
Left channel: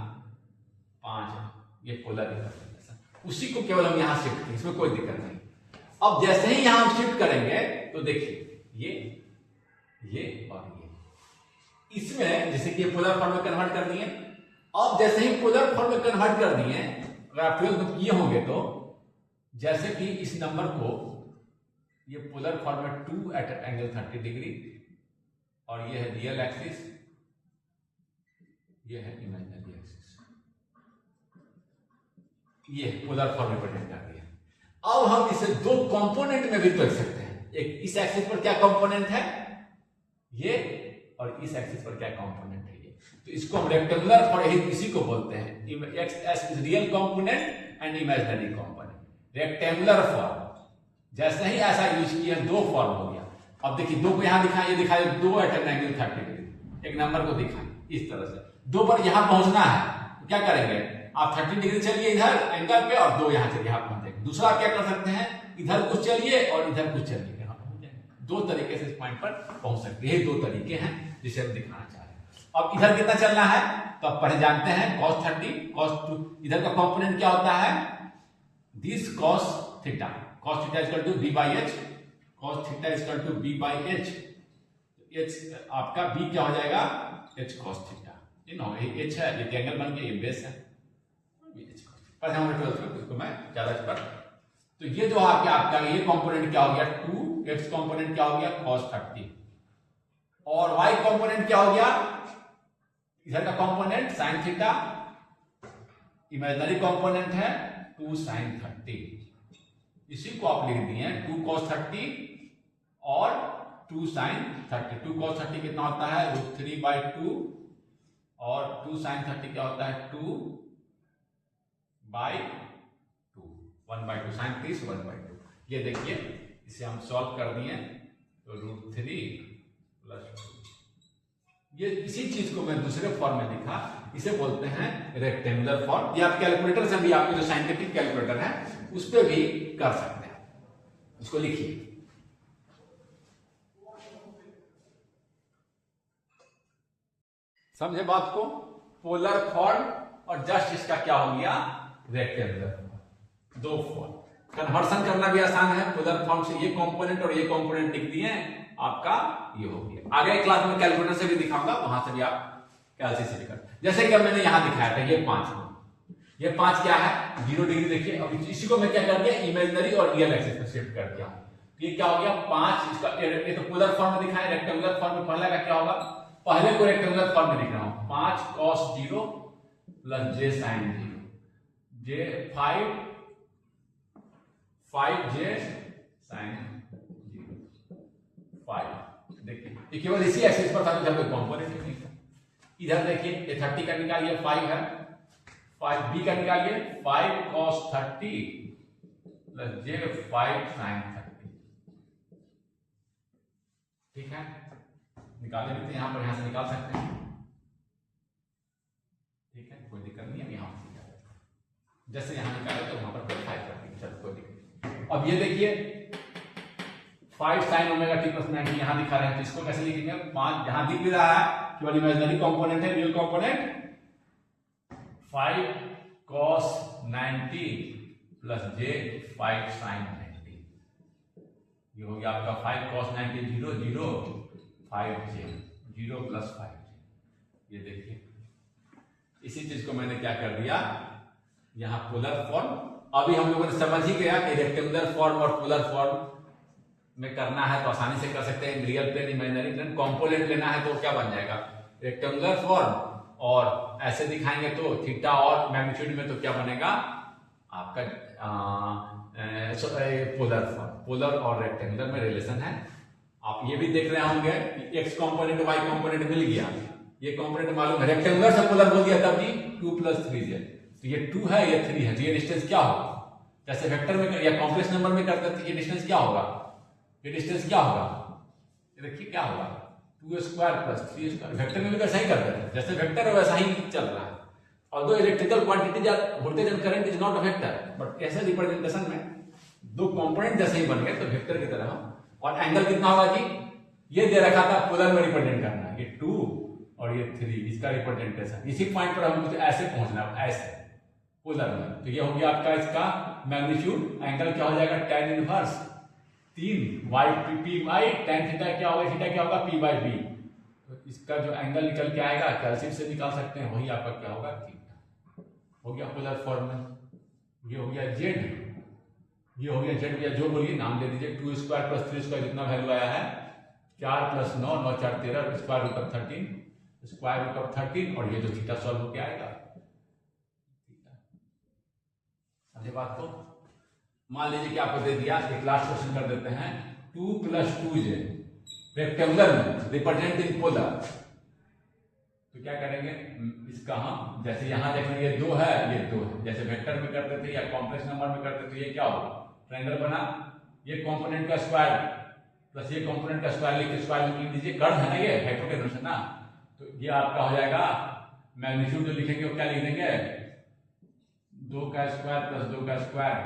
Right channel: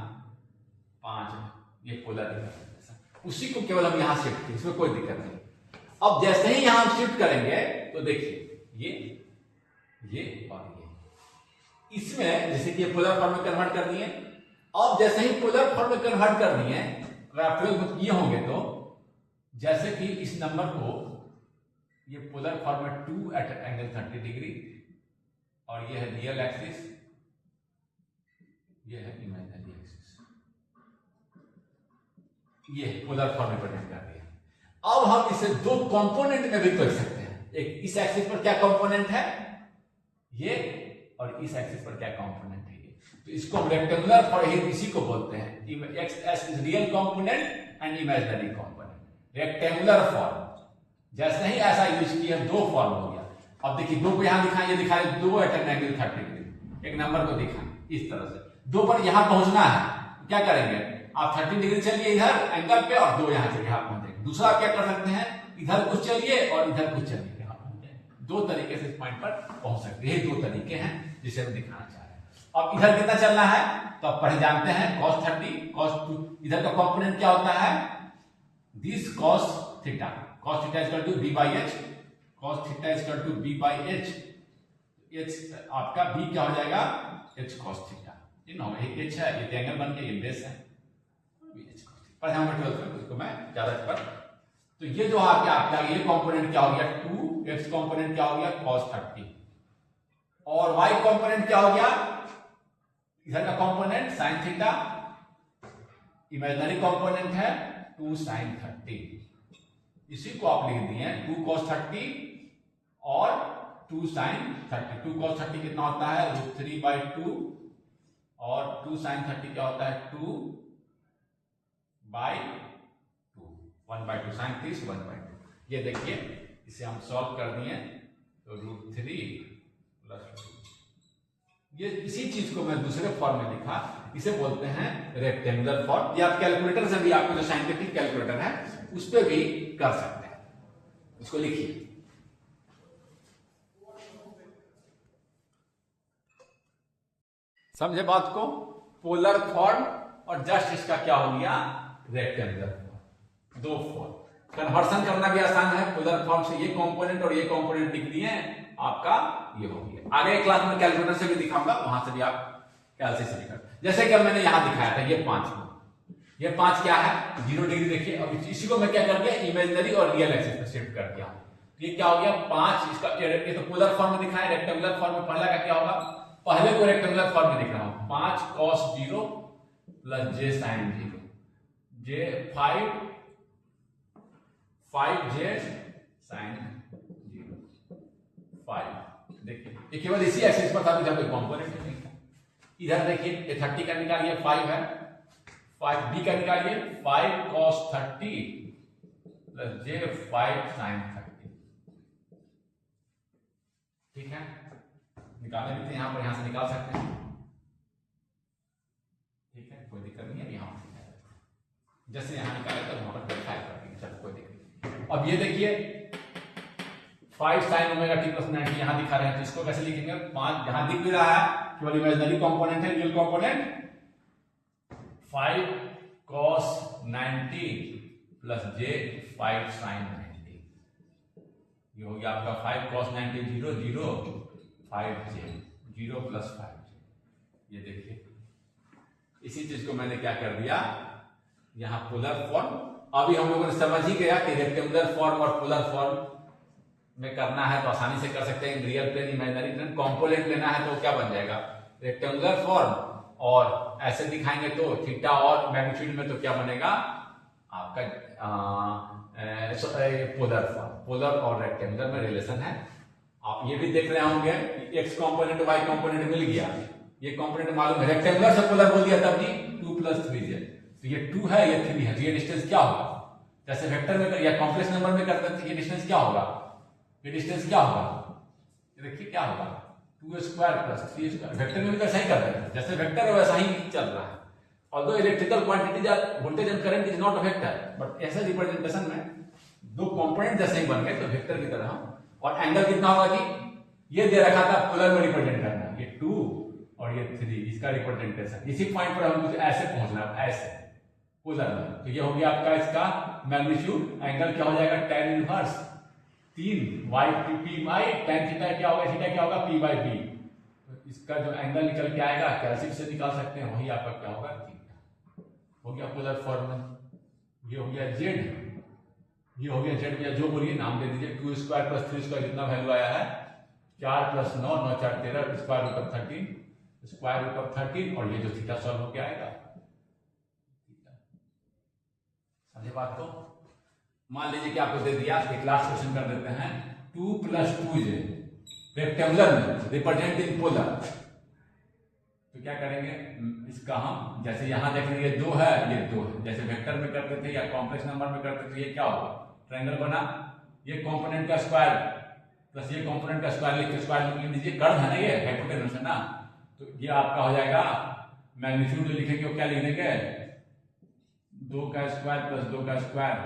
5 ये पोलर रिप्रेजेंटेशन, उसी को केवल हम यहां शिफ्ट करें, इसमें कोई दिक्कत नहीं। अब जैसे ही यहां हम शिफ्ट करेंगे तो देखिए ये और ये, इसमें जैसे कि पोलर फॉर्म में कन्वर्ट कर दिए। अब जैसे ही पोलर फॉर्म में कन्वर्ट कर दिए, अगर आप 12th किए होंगे तो जैसे कि इस नंबर को ये पोलर फॉर्म में 2 at एंगल 30 डिग्री, और ये है रियल एक्सिस, ये है इमेजिनरी एक्सिस, ये पोलर फॉर्म में प्रेजेंट कर दिया। अब हम इसे दो कंपोनेंट में भी कर सकते हैं। एक इस एक्सिस पर क्या कंपोनेंट है ये, और इस एक्सिस पर क्या कंपोनेंट है ये। तो इसको हम रेक्टेंगुलर फॉर इसी को बोलते हैं, x is real component and imaginary component. Rectangular form, जैसे ही ऐसा यूज किया दो फॉर्म हो गया। अब देखिए दो को यहां दिखाएं, ये दिखाए 2 at an angle 30 डिग्री, एक नंबर को दिखाएं इस तरह से। दो पर यहां पहुंचना है तो क्या करेंगे, आप 30 डिग्री चलिए इधर एंगल पे, और 2 यहां चलिए, यहां पहुंचेंगे। दूसरा क्या कर सकते हैं, इधर कुछ चलिए और इधर कुछ चलिए, यहां पहुंच जाएंगे। दो तरीके से इस पॉइंट पर पहुंच सकते हैं, ये दो तरीके हैं जिसे हम दिखाना चाह रहे हैं। अब इधर कितना चलना है तो आप पहले जानते हैं cos 30 cos 2, इधर का कंपोनेंट क्या होता है, this cos theta, cos theta equal to b by h, cos theta equal to b by h, h आपका b क्या हो जाएगा, h cos थीटा, h है, ये एंगल बन के ये बेस है, पर हम 12th में उसको मैं ज्यादा कर। तो ये जो आपका ये कंपोनेंट क्या हो गया 2, x कंपोनेंट क्या हो गया cos 30, और y कंपोनेंट क्या हो गया इधर का component sine theta, imaginary component है 2 sin 30, इसी को आप लिख दिए 2 cos 30 और 2 sin 30। 2 cos 30 कितना होता है √3/2 और 2 sin 30 क्या होता है 2/2, 1/2 sin 30 1/2। ये देखिए इसे हम सॉल्व कर दिए तो √3 + 2। ये इसी चीज को मैं दूसरे फॉर्म में लिखा, इसे बोलते हैं रेक्टेंगुलर फॉर्म। ये आप कैलकुलेटर से भी, आपको जो साइंटिफिक कैलकुलेटर है उस पर भी कर सकते हैं। इसको लिखिए, समझे बात को। पोलर फॉर्म और जस्ट इसका क्या हो गया रेक्टेंगुलर फॉर्म, दो फॉर्म। कन्वर्सन करना भी आसान है, पोलर फॉर्म से ये कंपोनेंट और ये कंपोनेंट लिख दिए, आपका ये हो गया। आगे क्लास में कैलकुलेटर से भी दिखाऊंगा, वहां से भी आप कैलसी से दिखा। जैसे कि मैंने यहां दिखाया था ये 5 क्या है 0 डिग्री। देखिए अब इसी को मैं क्या कर दिया इमेजिनरी और रियल एक्सिस पे शिफ्ट कर दिया। ये क्या हो गया 5, इसका ये तो पोलर फॉर्म में दिखाया, रेक्टेंगुलर फॉर्म में पहला का क्या होगा, पहले को रेक्टेंगुलर फॉर्म में लिख रहा हूं 5 cos 0 + j sin 0, j 5j sin 0 5। देखिए ये केवल इसी एक्सिस पर था, तो जब कंपोनेंट नहीं था। इधर देखिए ये 30 का निकालिए 5 है, 5b का निकालिए 5 cos 30 + j 5 sin 30। ठीक है, निकालने भी थे यहां पर, यहां से निकाल सकते हैं। ठीक है, कोई दिक्कत नहीं है, यहां से निकाल सकते हैं। जैसे यहां निकाले तो वहां पर 5 कर देंगे, चल कोई दिक्कत नहीं। अब ये देखिए 5 sin ω t + 90 यहां दिखा रहे हैं, तो इसको कैसे लिखेंगे 5, जहां दिख भी रहा है केवल इमेजिनरी कंपोनेंट है, real component 5 cos 90 + j 5 sin 90। ये हो गया आपका 5 cos 90 0 0 5j 0 + 5j। ये देखिए इसी चीज को मैंने क्या कर दिया यहां पोलर फॉर्म। अभी हम लोगों ने समझ ही गया कि रेक्टेंगुलर फॉर्म और पोलर फॉर्म में करना है तो आसानी से कर सकते हैं। Real plane imaginary plane component लेना है तो क्या बन जाएगा रेक्टेंगुलर फॉर्म, और ऐसे दिखाएंगे तो थीटा और मैग्नीट्यूड में तो क्या बनेगा आपका पोलर फॉर्म। पोलर और रेक्टेंगुलर में रिलेशन है। आप ये भी देख रहे होंगे कि एक्स कंपोनेंट वाई कंपोनेंट मिल गया, ये कंपोनेंट मालूम है, रेक्टेंगुलर से पोलर बोल दिया तब जी 2 + 3j, तो ये 2 है ये 3 है, तो ये डिस्टेंस क्या होगा, जैसे वेक्टर में या कॉम्प्लेक्स नंबर में करते हैं तो ये डिस्टेंस क्या होगा, ये डिस्टेंस क्या होगा, ये देखिए क्या होगा 2² + 3²। वेक्टर में भी ऐसा ही करते हैं, जैसे वेक्टर है वैसा ही चल रहा है। Although electrical quantity voltage and current is not a vector, but ऐसे रिप्रेजेंटेशन में दो कंपोनेंट जैसे ही बन गए तो वेक्टर की तरह। और एंगल कितना होगा जी, ये दे रखा था पोलर में रिप्रेजेंट करना, ये 2 और ये 3, इसका रिप्रेजेंटेशन। इसी पॉइंट पर हम कुछ ऐसे पहुंचना है, ऐसे पोलर में, तो ये हो गया आपका इसका मैग्नीट्यूड। एंगल क्या हो जाएगा tan inverse 3y/p/y, tan theta क्या होगा, थीटा क्या होगा p/b। तो इसका जो एंगल निकल के आएगा कैलकुलेटर से निकाल सकते हैं, वही आपका क्या होगा थीटा। हो गया पोलर फॉर्म में। ये हो गया z, ये हो गया z, या जो बोलिए नाम दे दीजिए। 2² + 3² जितना वैल्यू आया है 4 + 9 9 4 13 √13 √13, और ये जो थीटा सॉल्व होके आएगा समझे बात को। मान लीजिए कि आपको दे दिया, एक लास्ट क्वेश्चन कर देते हैं 2 + 2j रेक्टेंगुलर में रिप्रेजेंट इन पोलर, तो क्या करेंगे इसका हम, जैसे यहां देख लीजिए 2 है ये 2 है, जैसे वेक्टर में करते थे या कॉम्प्लेक्स नंबर में करते थे, ये क्या होगा ट्रायंगल बना, ये कंपोनेंट का स्क्वायर प्लस ये कंपोनेंट का स्क्वायर लिख के स्क्वायर लिख लीजिए, कर्व है ना ये हाइपोटेनस है ना, तो ये आपका हो जाएगा मैग्नीट्यूड जो लिखेंगे वो क्या लिख देंगे 2 का स्क्वायर + 2 का स्क्वायर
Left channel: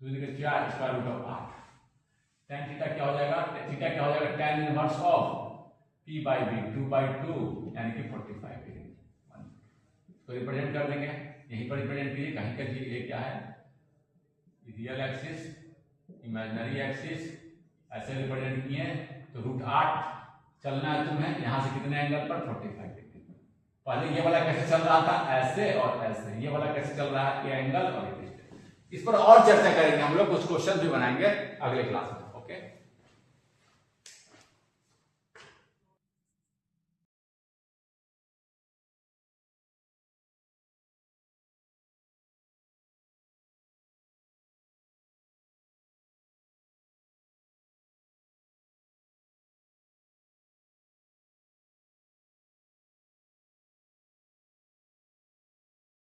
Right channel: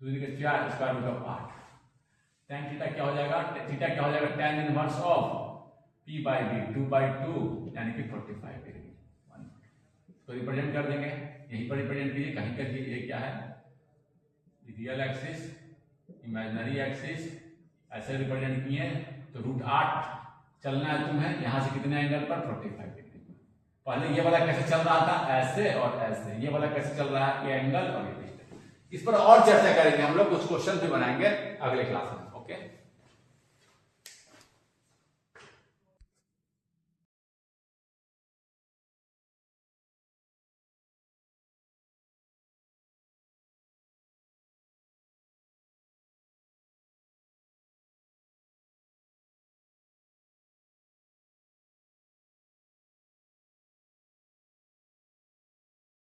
2 × 4 √8। tan थीटा क्या हो जाएगा, थीटा क्या हो जाएगा tan इनवर्स ऑफ p/b 2/2 यानी कि 45 डिग्री। तो रिप्रेजेंट कर देंगे, यहीं पर रिप्रेजेंट कीजिए, कहीं कर दीजिए। ये क्या है रियल एक्सिस इमेजिनरी एक्सिस, ऐसे रिप्रेजेंट किए तो √8 चलना है तुम्हें यहां से कितने एंगल पर 45 डिग्री। पहले ये वाला कैसे चल रहा था ऐसे और ऐसे, ये वाला कैसे चल रहा है ये एंगल और ये डिस्टेंस। इस पर और चर्चा करेंगे हम लोग, कुछ क्वेश्चन भी बनाएंगे अगले क्लास में। ओके।